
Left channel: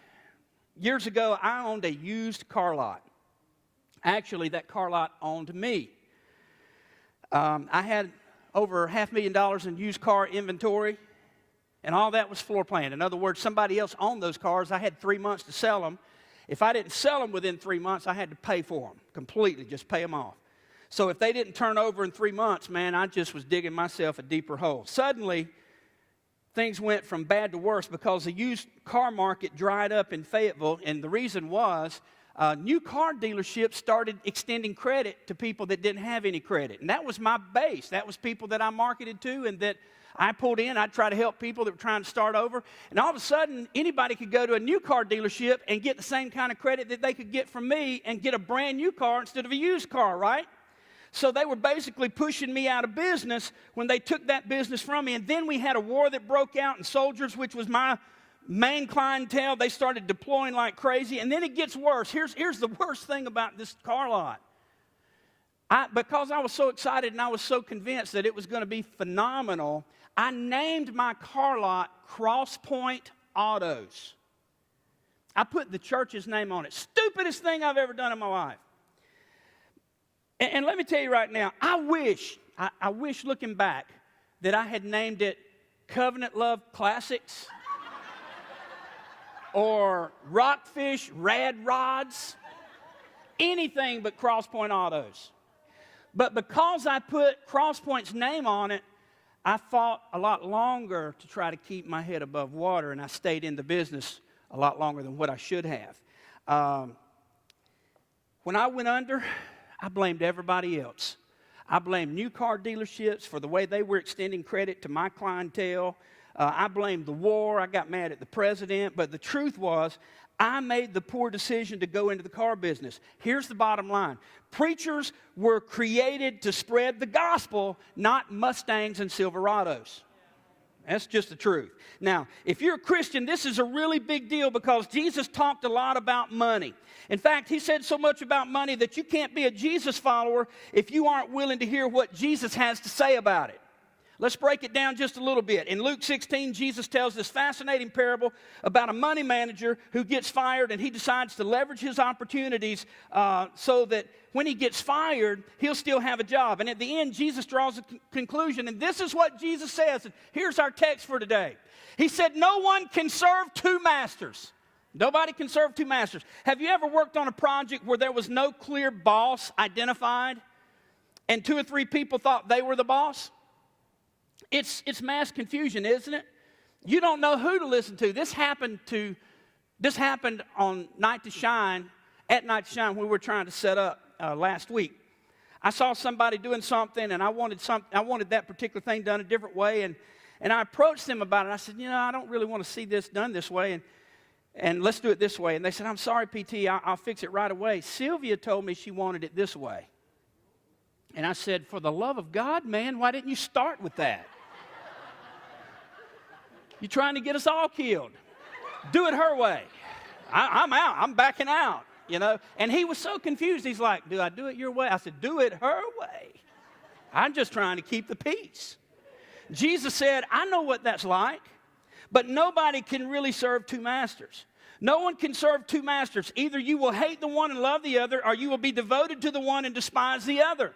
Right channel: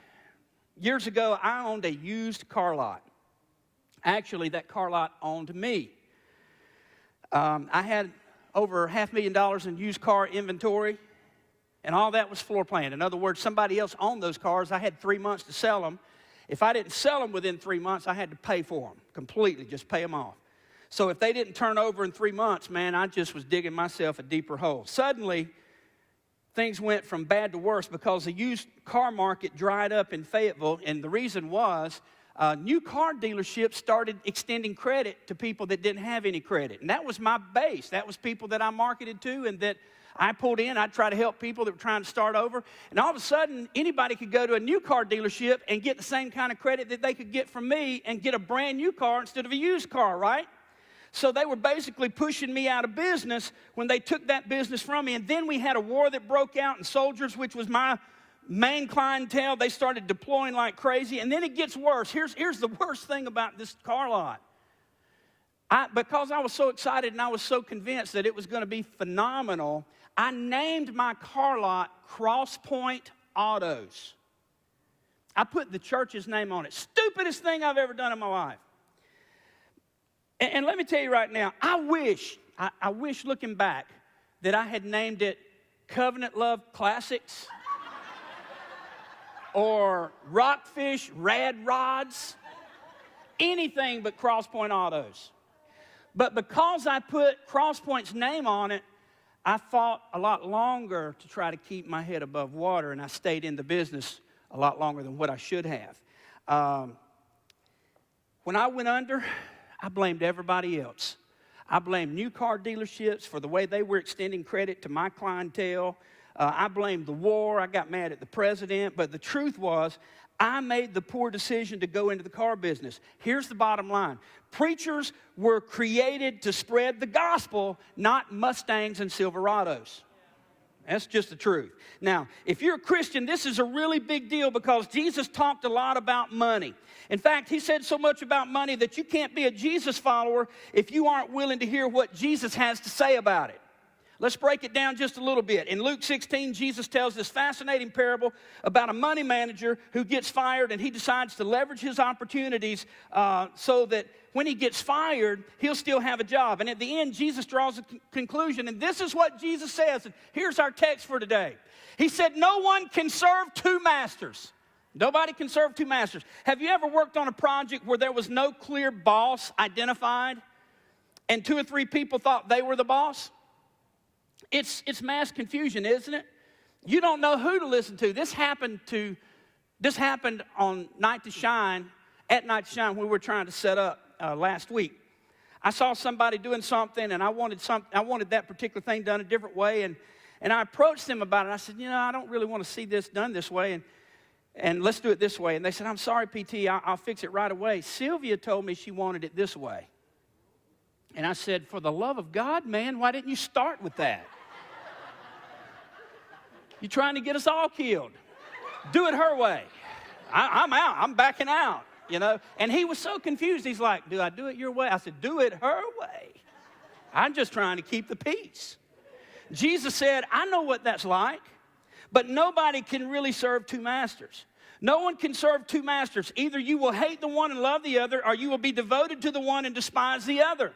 Years ago, I owned a used car lot. Actually, that car lot owned me. I had over $500,000 in used car inventory. And all that was floor planned. In other words, somebody else owned those cars. I had 3 months to sell them. If I didn't sell them within 3 months, I had to pay for them completely, just pay them off. So if they didn't turn over in 3 months, man, I just was digging myself a deeper hole. Suddenly, things went from bad to worse because the used car market dried up in Fayetteville. And the reason was new car dealerships started extending credit to people that didn't have any credit. And that was my base. That was people that I marketed to and that I pulled in. I'd try to help people that were trying to start over. And all of a sudden, anybody could go to a new car dealership and get the same kind of credit that they could get from me and get a brand new car instead of a used car, right? So they were basically pushing me out of business when they took that business from me. And then we had a war that broke out, and soldiers, which was my main clientele, they started deploying like crazy. And then it gets worse. Here's the worst thing about this car lot. Because I was so excited and I was so convinced that it was going to be phenomenal, I named my car lot Cross Point Autos. I put the church's name on it. Stupidest thing I've ever done in my life. And let me tell you right now, I wish looking back that I had named it Covenant Love Classics or Rockfish Rad Rods, anything but Cross Point Autos. But because I put Cross Point's name on it, I fought a lot longer to try to keep my head above water, and I stayed in the business a lot longer than what I should have. When I went under, I blamed everybody else. I blamed new car dealerships for the way they were extending credit to my clientele. I blamed the war. I got mad at the president. But the truth was, I made the poor decision to go into the car business. Here's the bottom line. Preachers were created to spread the gospel, not Mustangs and Silverados. That's just the truth. Now, if you're a Christian, this is a really big deal because Jesus talked a lot about money. In fact, he said so much about money that you can't be a Jesus follower if you aren't willing to hear what Jesus has to say about it. Let's break it down just a little bit. In Luke 16, Jesus tells this fascinating parable about a money manager who gets fired, and he decides to leverage his opportunities so that when he gets fired, he'll still have a job. And at the end, Jesus draws a conclusion, and this is what Jesus says. Here's our text for today. He said, no one can serve two masters. Nobody can serve two masters. Have you ever worked on a project where there was no clear boss identified, and 2 or 3 people thought they were the boss? It's mass confusion, isn't it? You don't know who to listen to. This happened on Night to Shine, at Night to Shine when we were trying to set up last week. I saw somebody doing something, and I wanted that particular thing done a different way, and I approached them about it. I said, I don't really want to see this done this way. And let's do it this way. And they said, I'm sorry, PT, I'll fix it right away. Sylvia told me she wanted it this way. And I said, for the love of God, man, why didn't you start with that? You're trying to get us all killed. Do it her way. I'm out. I'm backing out, you know. And he was so confused. He's like, do I do it your way? I said, do it her way. I'm just trying to keep the peace. Jesus said, I know what that's like. But nobody can really serve two masters. No one can serve two masters. Either you will hate the one and love the other, or you will be devoted to the one and despise the other.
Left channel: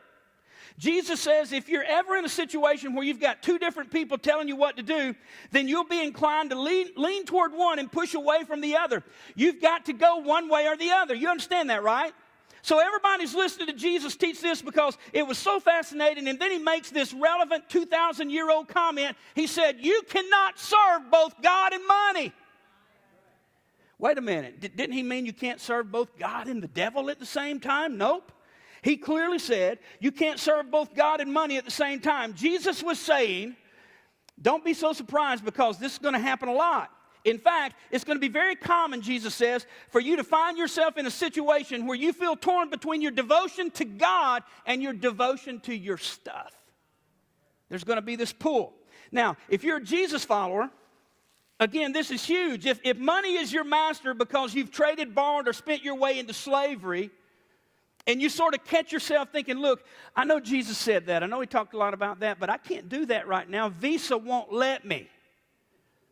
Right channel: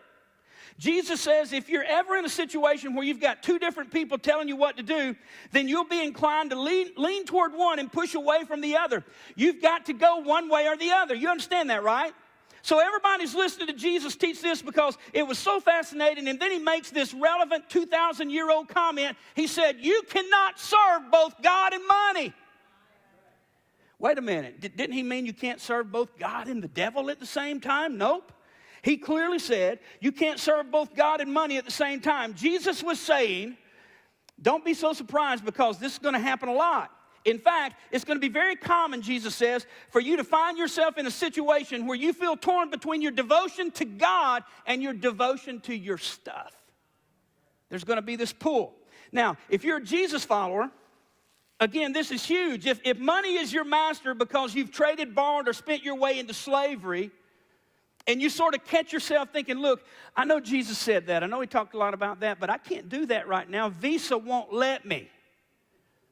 Jesus says if you're ever in a situation where you've got two different people telling you what to do, then you'll be inclined to lean toward one and push away from the other. You've got to go one way or the other. You understand that, right? So everybody's listening to Jesus teach this because it was so fascinating. And then he makes this relevant 2,000-year-old comment. He said, you cannot serve both God and money. Wait a minute. Didn't he mean you can't serve both God and the devil at the same time? Nope. He clearly said you can't serve both God and money at the same time. Jesus was saying, don't be so surprised because this is going to happen a lot. In fact, it's going to be very common, Jesus says, for you to find yourself in a situation where you feel torn between your devotion to God and your devotion to your stuff. There's going to be this pull. Now, if you're a Jesus follower, again, this is huge. If money is your master because you've traded, borrowed, or spent your way into slavery, and you sort of catch yourself thinking, look, I know Jesus said that. I know he talked a lot about that, but I can't do that right now. Visa won't let me.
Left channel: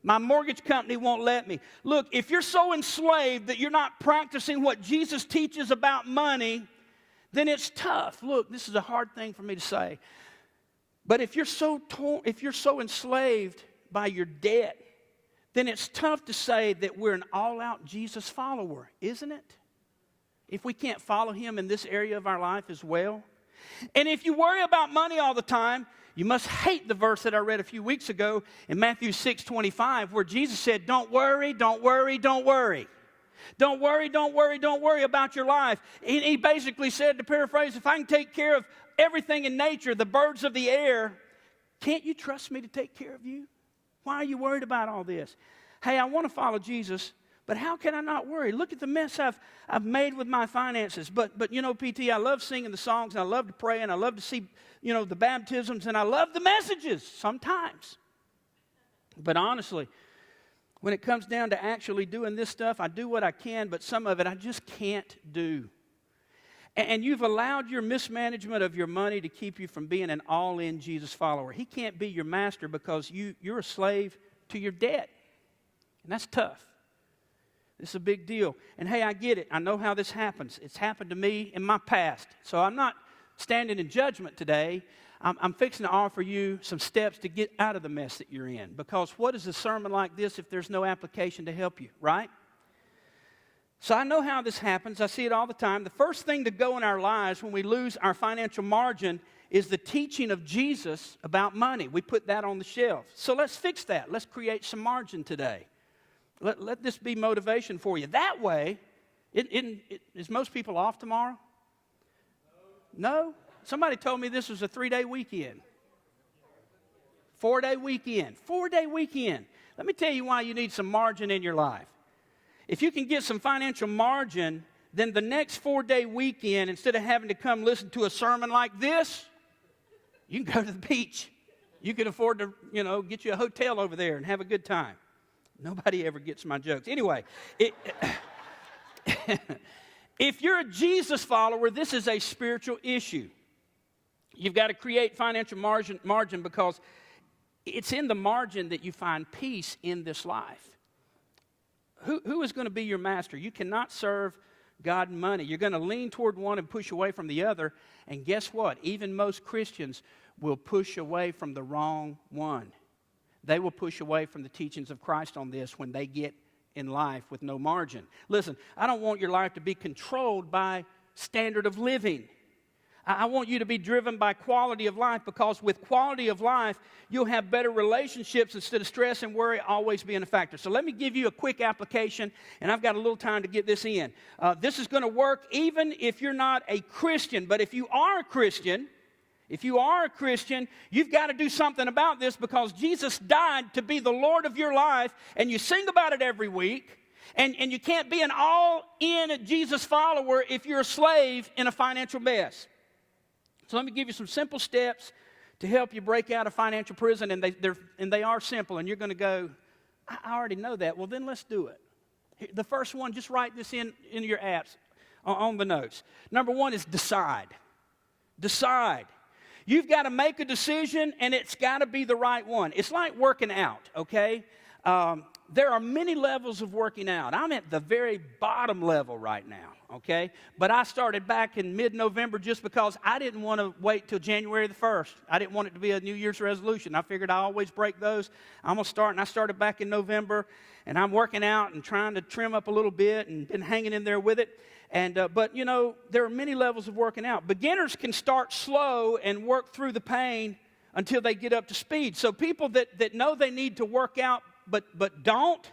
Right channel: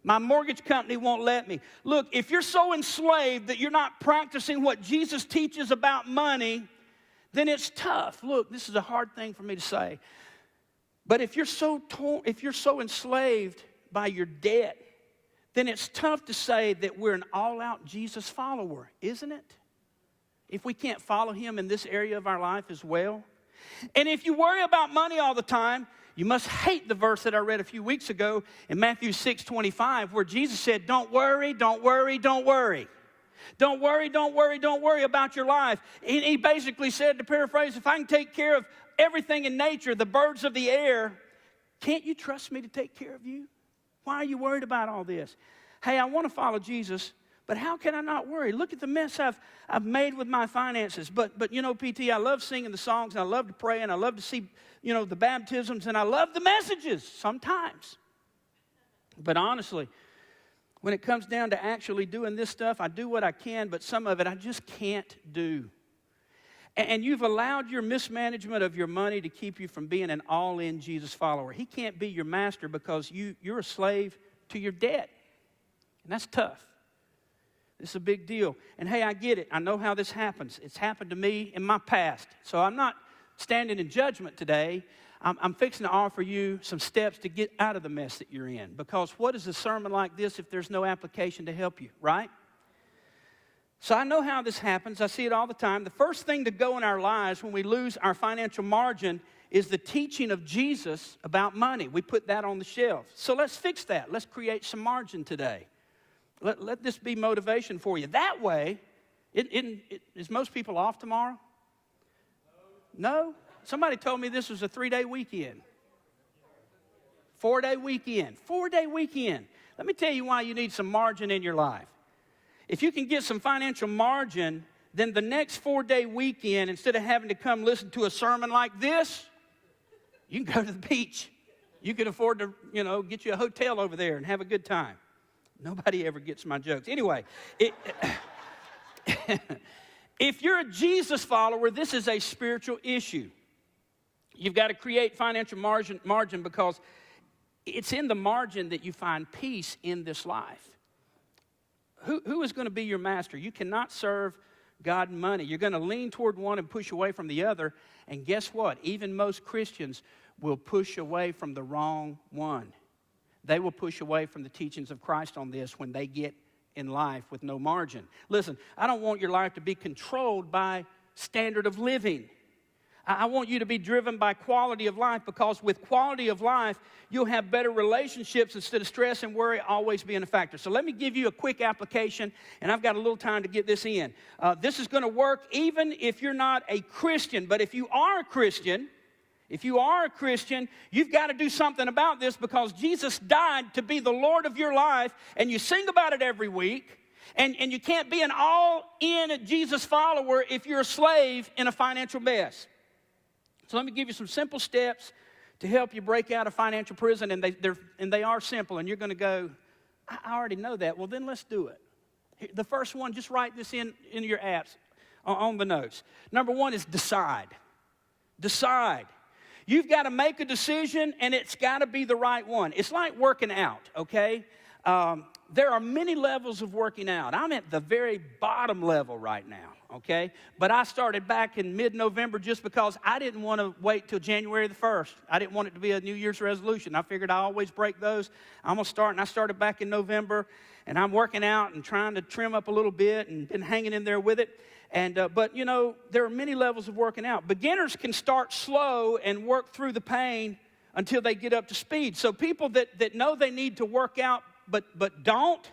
My mortgage company won't let me. Look, if you're so enslaved that you're not practicing what Jesus teaches about money, then it's tough. Look, this is a hard thing for me to say. But if you're so enslaved by your debt, then it's tough to say that we're an all-out Jesus follower, isn't it? If we can't follow him in this area of our life as well. And if you worry about money all the time, you must hate the verse that I read a few weeks ago in Matthew 6:25, where Jesus said, don't worry, don't worry, don't worry. Don't worry, don't worry, don't worry about your life. He basically said, to paraphrase, if I can take care of everything in nature, the birds of the air, can't you trust me to take care of you? Why are you worried about all this? Hey, I want to follow Jesus, but how can I not worry? Look at the mess I've made with my finances. But you know, PT, I love singing the songs. I love to pray, and I love to see, you know, the baptisms, and I love the messages sometimes. But honestly, when it comes down to actually doing this stuff, I do what I can, but some of it I just can't do. And you've allowed your mismanagement of your money to keep you from being an all-in Jesus follower. He can't be your master because you're a slave to your debt. And that's tough. It's a big deal. And hey, I get it. I know how this happens. It's happened to me in my past. So I'm not standing in judgment today. I'm fixing to offer you some steps to get out of the mess that you're in. Because what is a sermon like this if there's no application to help you, right? So I know how this happens. I see it all the time. The first thing to go in our lives when we lose our financial margin is the teaching of Jesus about money. We put that on the shelf. So let's fix that. Let's create some margin today. Let this be motivation for you. That way, is most people off tomorrow? No? Somebody told me this was a 3-day weekend. 4-day weekend. 4-day weekend. Let me tell you why you need some margin in your life. If you can get some financial margin, then the next 4-day weekend, instead of having to come listen to a sermon like this, you can go to the beach. You can afford to, get you a hotel over there and have a good time. Nobody ever gets my jokes. Anyway, if you're a Jesus follower, this is a spiritual issue. You've got to create financial margin because it's in the margin that you find peace in this life. Who is going to be your master? You cannot serve God and money. You're going to lean toward one and push away from the other. And guess what? Even most Christians will push away from the wrong one. They will push away from the teachings of Christ on this when they get in life with no margin. Listen, I don't want your life to be controlled by standard of living. I want you to be driven by quality of life, because with quality of life, you'll have better relationships instead of stress and worry always being a factor. So let me give you a quick application, and I've got a little time to get this in. This is going to work even if you're not a Christian. But if you are a Christian, you've got to do something about this, because Jesus died to be the Lord of your life, and you sing about it every week. And you can't be an all-in Jesus follower if you're a slave in a financial mess. So let me give you some simple steps to help you break out of financial prison, and they are simple, and you're going to go, I already know that. Well, then let's do it. The first one, just write this in your apps on the notes. Number one is decide. Decide. You've got to make a decision, and it's got to be the right one. It's like working out, okay? There are many levels of working out. I'm at the very bottom level right now, okay? But I started back in mid-November just because I didn't want to wait till January the 1st. I didn't want it to be a New Year's resolution. I figured I always break those. I'm going to start, and I started back in November, and I'm working out and trying to trim up a little bit and been hanging in there with it. But, you know, there are many levels of working out. Beginners can start slow and work through the pain until they get up to speed. So people that know they need to work out but don't,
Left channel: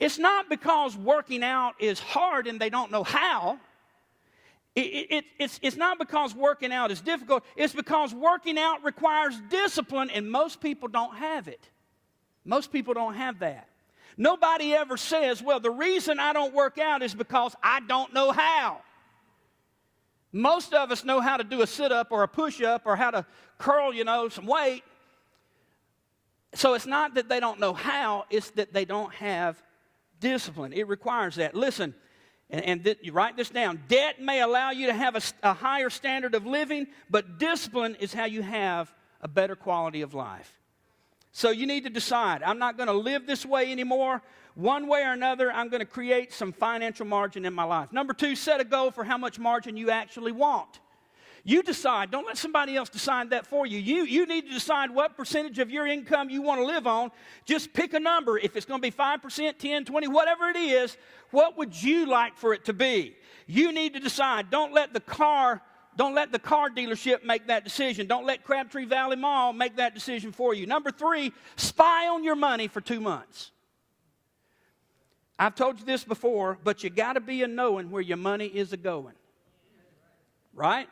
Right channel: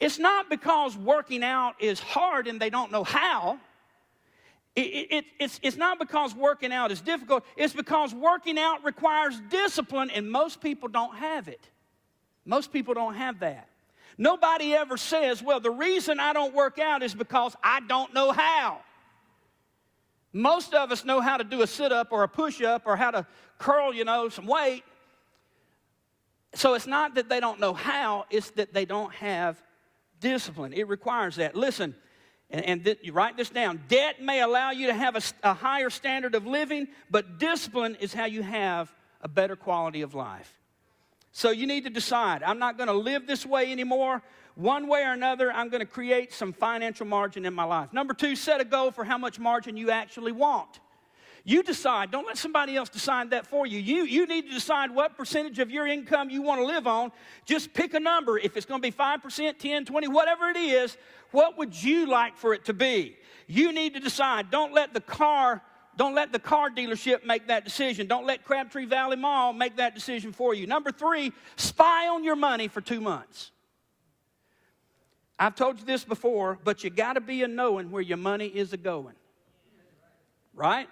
it's not because working out is hard and they don't know how. It's not because working out is difficult. It's because working out requires discipline, and most people don't have it. Most people don't have that. Nobody ever says, well, the reason I don't work out is because I don't know how. Most of us know how to do a sit-up or a push-up or how to curl, some weight. So it's not that they don't know how, it's that they don't have discipline. It requires that. Listen, you write this down. Debt may allow you to have a higher standard of living, but discipline is how you have a better quality of life. So you need to decide, I'm not going to live this way anymore. One way or another, I'm going to create some financial margin in my life. Number two, set a goal for how much margin you actually want. You decide. Don't let somebody else decide that for you. You need to decide what percentage of your income you want to live on. Just pick a number. If it's going to be 5%, 10, 20, whatever it is, what would you like for it to be? You need to decide. Don't let the car dealership make that decision. Don't let Crabtree Valley Mall make that decision for you. Number three, spy on your money for 2 months. I've told you this before, but you got to be a knowing where your money is a-going. Right?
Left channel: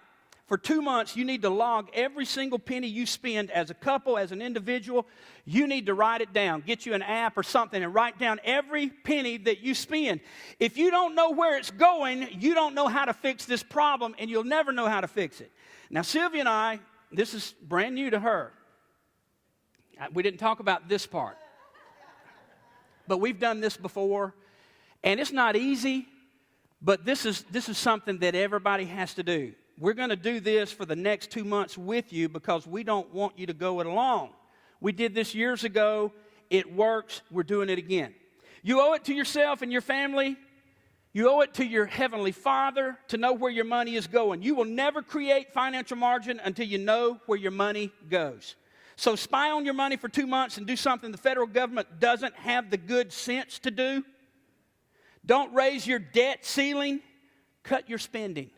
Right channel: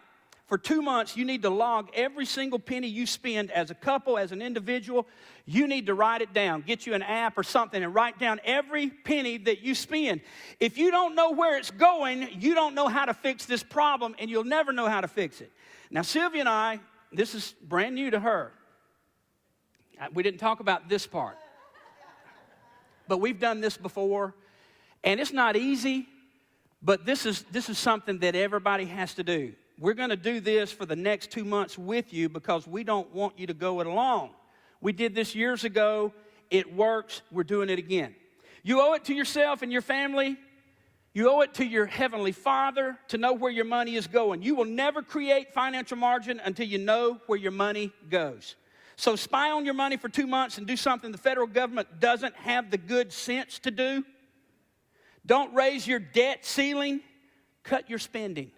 For 2 months, you need to log every single penny you spend as a couple, as an individual. You need to write it down. Get you an app or something and write down every penny that you spend. If you don't know where it's going, you don't know how to fix this problem, and you'll never know how to fix it. Now, Sylvia and I, this is brand new to her. We didn't talk about this part. But we've done this before, and it's not easy, but this is something that everybody has to do. We're going to do this for the next 2 months with you because we don't want you to go it alone. We did this years ago. It works. We're doing it again. You owe it to yourself and your family. You owe it to your Heavenly Father to know where your money is going. You will never create financial margin until you know where your money goes. So spy on your money for 2 months and do something the federal government doesn't have the good sense to do. Don't raise your debt ceiling. Cut your spending.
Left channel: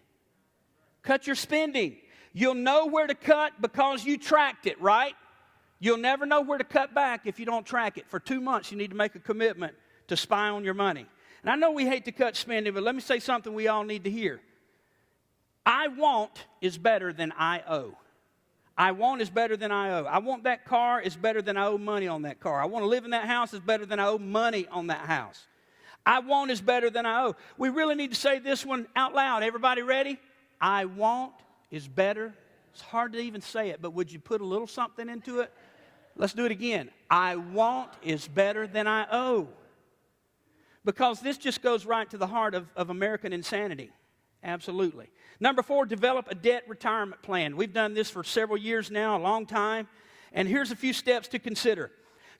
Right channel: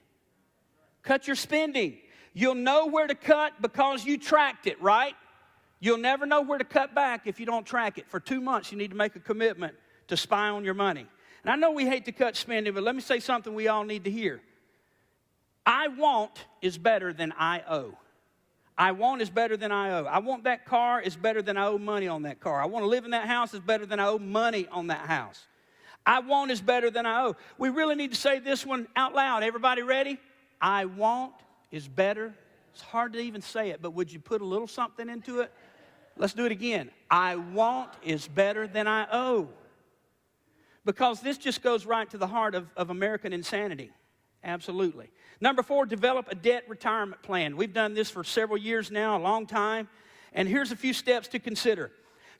Cut your spending. You'll know where to cut because you tracked it, right? You'll never know where to cut back if you don't track it. For 2 months, you need to make a commitment to spy on your money. And I know we hate to cut spending, but let me say something we all need to hear. I want is better than I owe. I want is better than I owe. I want that car is better than I owe money on that car. I want to live in that house is better than I owe money on that house. I want is better than I owe. We really need to say this one out loud. Everybody ready? I want is better. It's hard to even say it, but would you put a little something into it? Let's do it again. I want is better than I owe. Because this just goes right to the heart of American insanity. Absolutely. Number four, develop a debt retirement plan. We've done this for several years now, a long time. And here's a few steps to consider.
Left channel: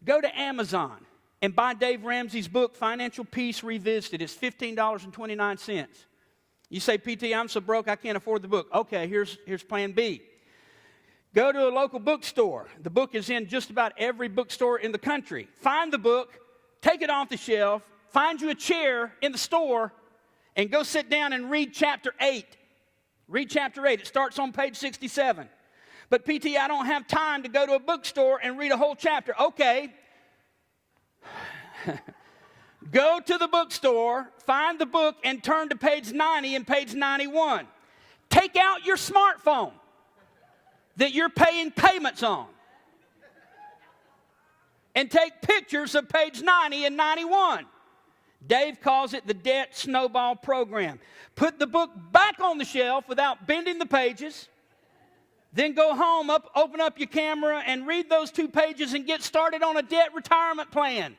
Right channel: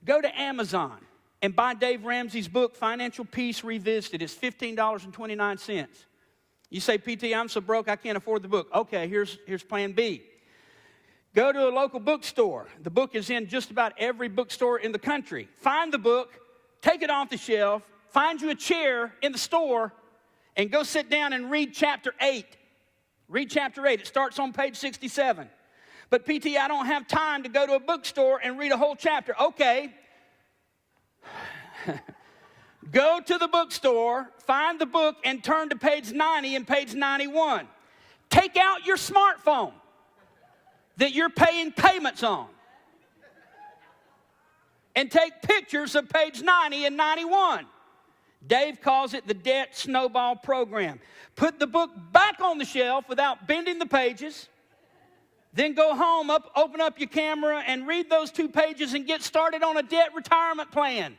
Go to Amazon and buy Dave Ramsey's book, Financial Peace Revisited. It's $15.29. You say, PT, I'm so broke I can't afford the book. Okay, here's plan B. Go to a local bookstore. The book is in just about every bookstore in the country. Find the book, take it off the shelf, find you a chair in the store, and go sit down and read chapter 8. Read chapter 8. It starts on page 67. But PT, I don't have time to go to a bookstore and read a whole chapter. Okay. Go to the bookstore, find the book, and turn to page 90 and page 91. Take out your smartphone that you're paying payments on and take pictures of page 90 and 91. Dave calls it the debt snowball program. Put the book back on the shelf without bending the pages. Then go home, open up your camera, and read those 2 pages and get started on a debt retirement plan.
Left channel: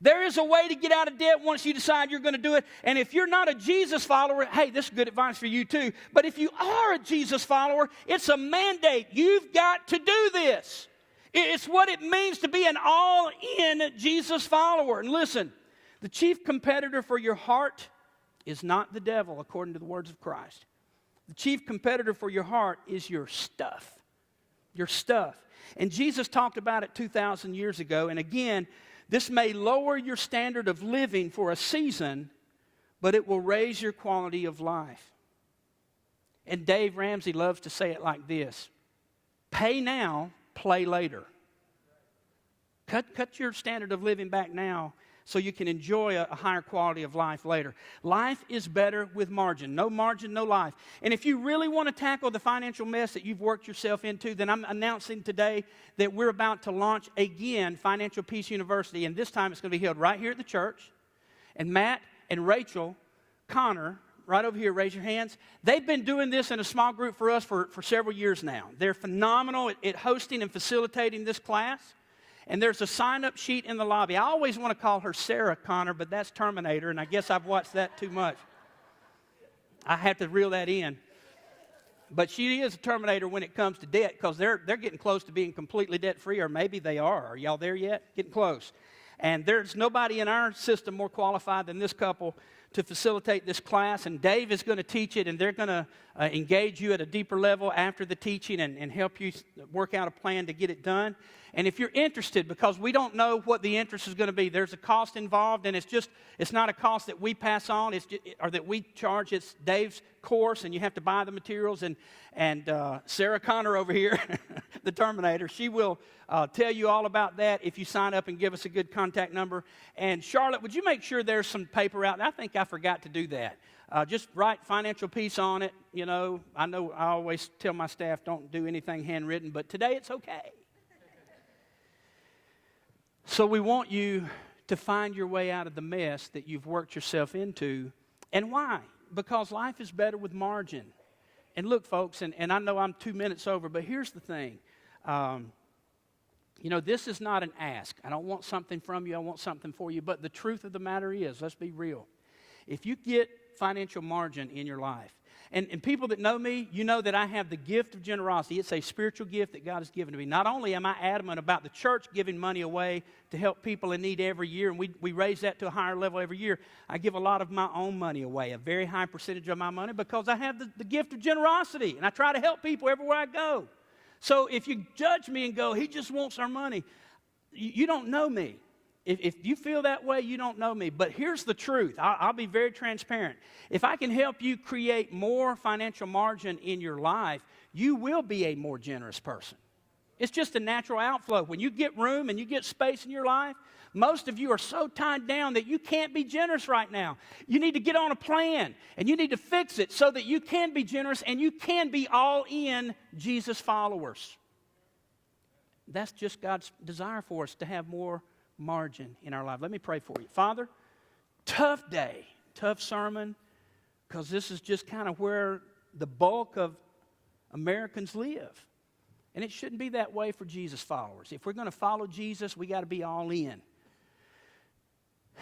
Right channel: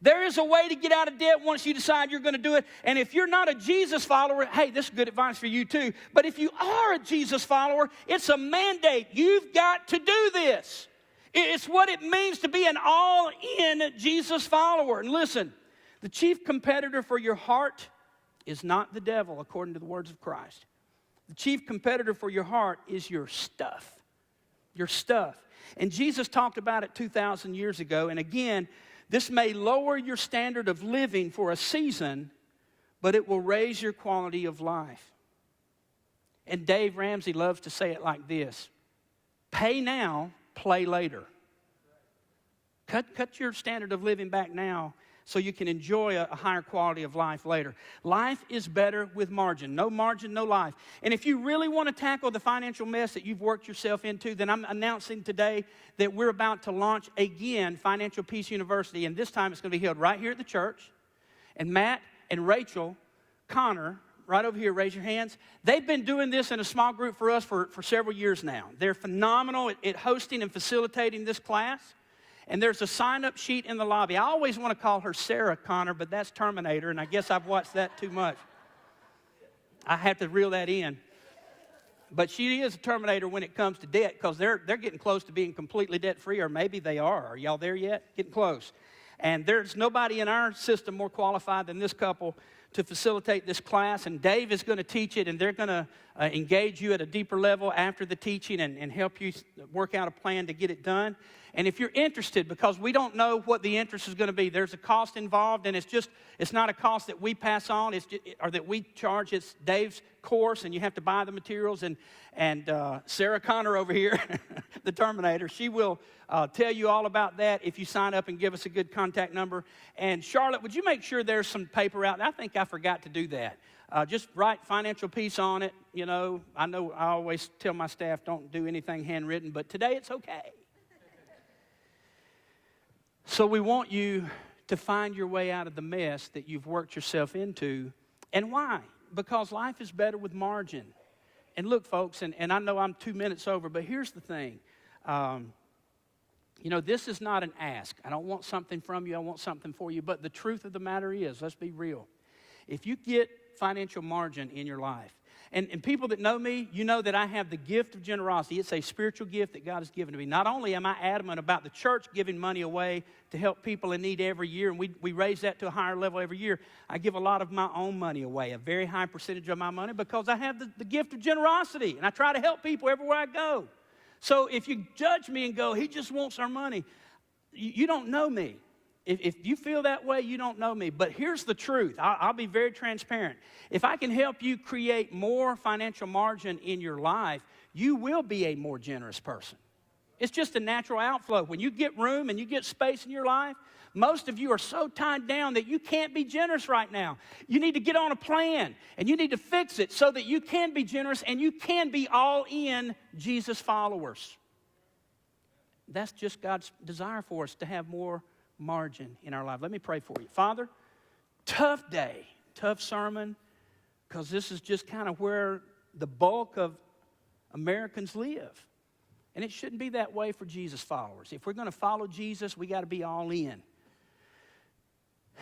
There is a way to get out of debt once you decide you're going to do it. And if you're not a Jesus follower, hey, this is good advice for you too. But if you are a Jesus follower, it's a mandate. You've got to do this. It's what it means to be an all-in Jesus follower. And listen, the chief competitor for your heart is not the devil, according to the words of Christ. The chief competitor for your heart is your stuff. Your stuff. And Jesus talked about it 2,000 years ago. And again, this may lower your standard of living for a season, but it will raise your quality of life. And Dave Ramsey loves to say it like this: pay now, play later. Cut your standard of living back now so you can enjoy a higher quality of life later. Life is better with margin. No margin, no life. And if you really want to tackle the financial mess that you've worked yourself into, then I'm announcing today that we're about to launch again Financial Peace University. And this time it's going to be held right here at the church. And Matt and Rachel Connor, right over here, raise your hands. They've been doing this in a small group for us for several years now. They're phenomenal at hosting and facilitating this class. And there's a sign-up sheet in the lobby. I always want to call her Sarah Connor, but that's Terminator, and I guess I've watched that too much. I have to reel that in. But she is a Terminator when it comes to debt, because they're getting close to being completely debt-free, or maybe they are. Are y'all there yet? Getting close. And there's nobody in our system more qualified than this couple to facilitate this class. And Dave is going to teach it, and they're going to engage you at a deeper level after the teaching and help you work out a plan to get it done. And if you're interested, because we don't know what the interest is going to be, there's a cost involved, and it's not a cost that we pass on, or that we charge. It's Dave's course, and you have to buy the materials. And Sarah Connor over here, the Terminator, she will tell you all about that if you sign up and give us a good contact number. And Charlotte, would you make sure there's some paper out? I think I forgot to do that. Just write Financial Peace on it. You know I always tell my staff, don't do anything handwritten, but today it's okay. So we want you to find your way out of the mess that you've worked yourself into. And why? Because life is better with margin. And look, folks, and I know I'm 2 minutes over, but here's the thing. This is not an ask. I don't want something from you. I want something for you. But the truth of the matter is, let's be real. If you get financial margin in your life, and people that know me, you know that I have the gift of generosity. It's a spiritual gift that God has given to me. Not only am I adamant about the church giving money away to help people in need every year, and we raise that to a higher level every year, I give a lot of my own money away, a very high percentage of my money, because I have the gift of generosity, and I try to help people everywhere I go. So if you judge me and go, he just wants our money, you don't know me. If you feel that way, you don't know me. But here's the truth. I'll be very transparent. If I can help you create more financial margin in your life, you will be a more generous person. It's just a natural outflow. When you get room and you get space in your life, most of you are so tied down that you can't be generous right now. You need to get on a plan, and you need to fix it so that you can be generous and you can be all in Jesus followers. That's just God's desire for us, to have more margin in our life. Let me pray for you. Father, tough day, tough sermon, because this is just kind of where the bulk of Americans live. And it shouldn't be that way for Jesus followers. If we're going to follow Jesus, we got to be all in.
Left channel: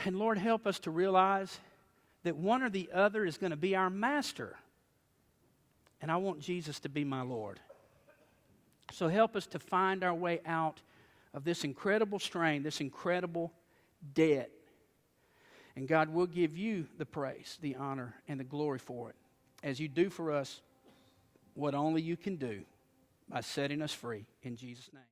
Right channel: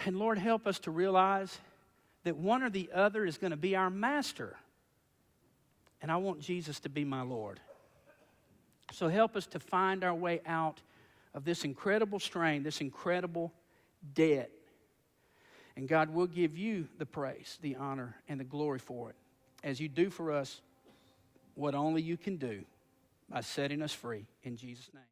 And Lord, help us to realize that one or the other is going to be our master. And I want Jesus to be my Lord. So help us to find our way out of this incredible strain, this incredible debt. And God will give you the praise, the honor, and the glory for it, as you do for us what only you can do, by setting us free. In Jesus' name.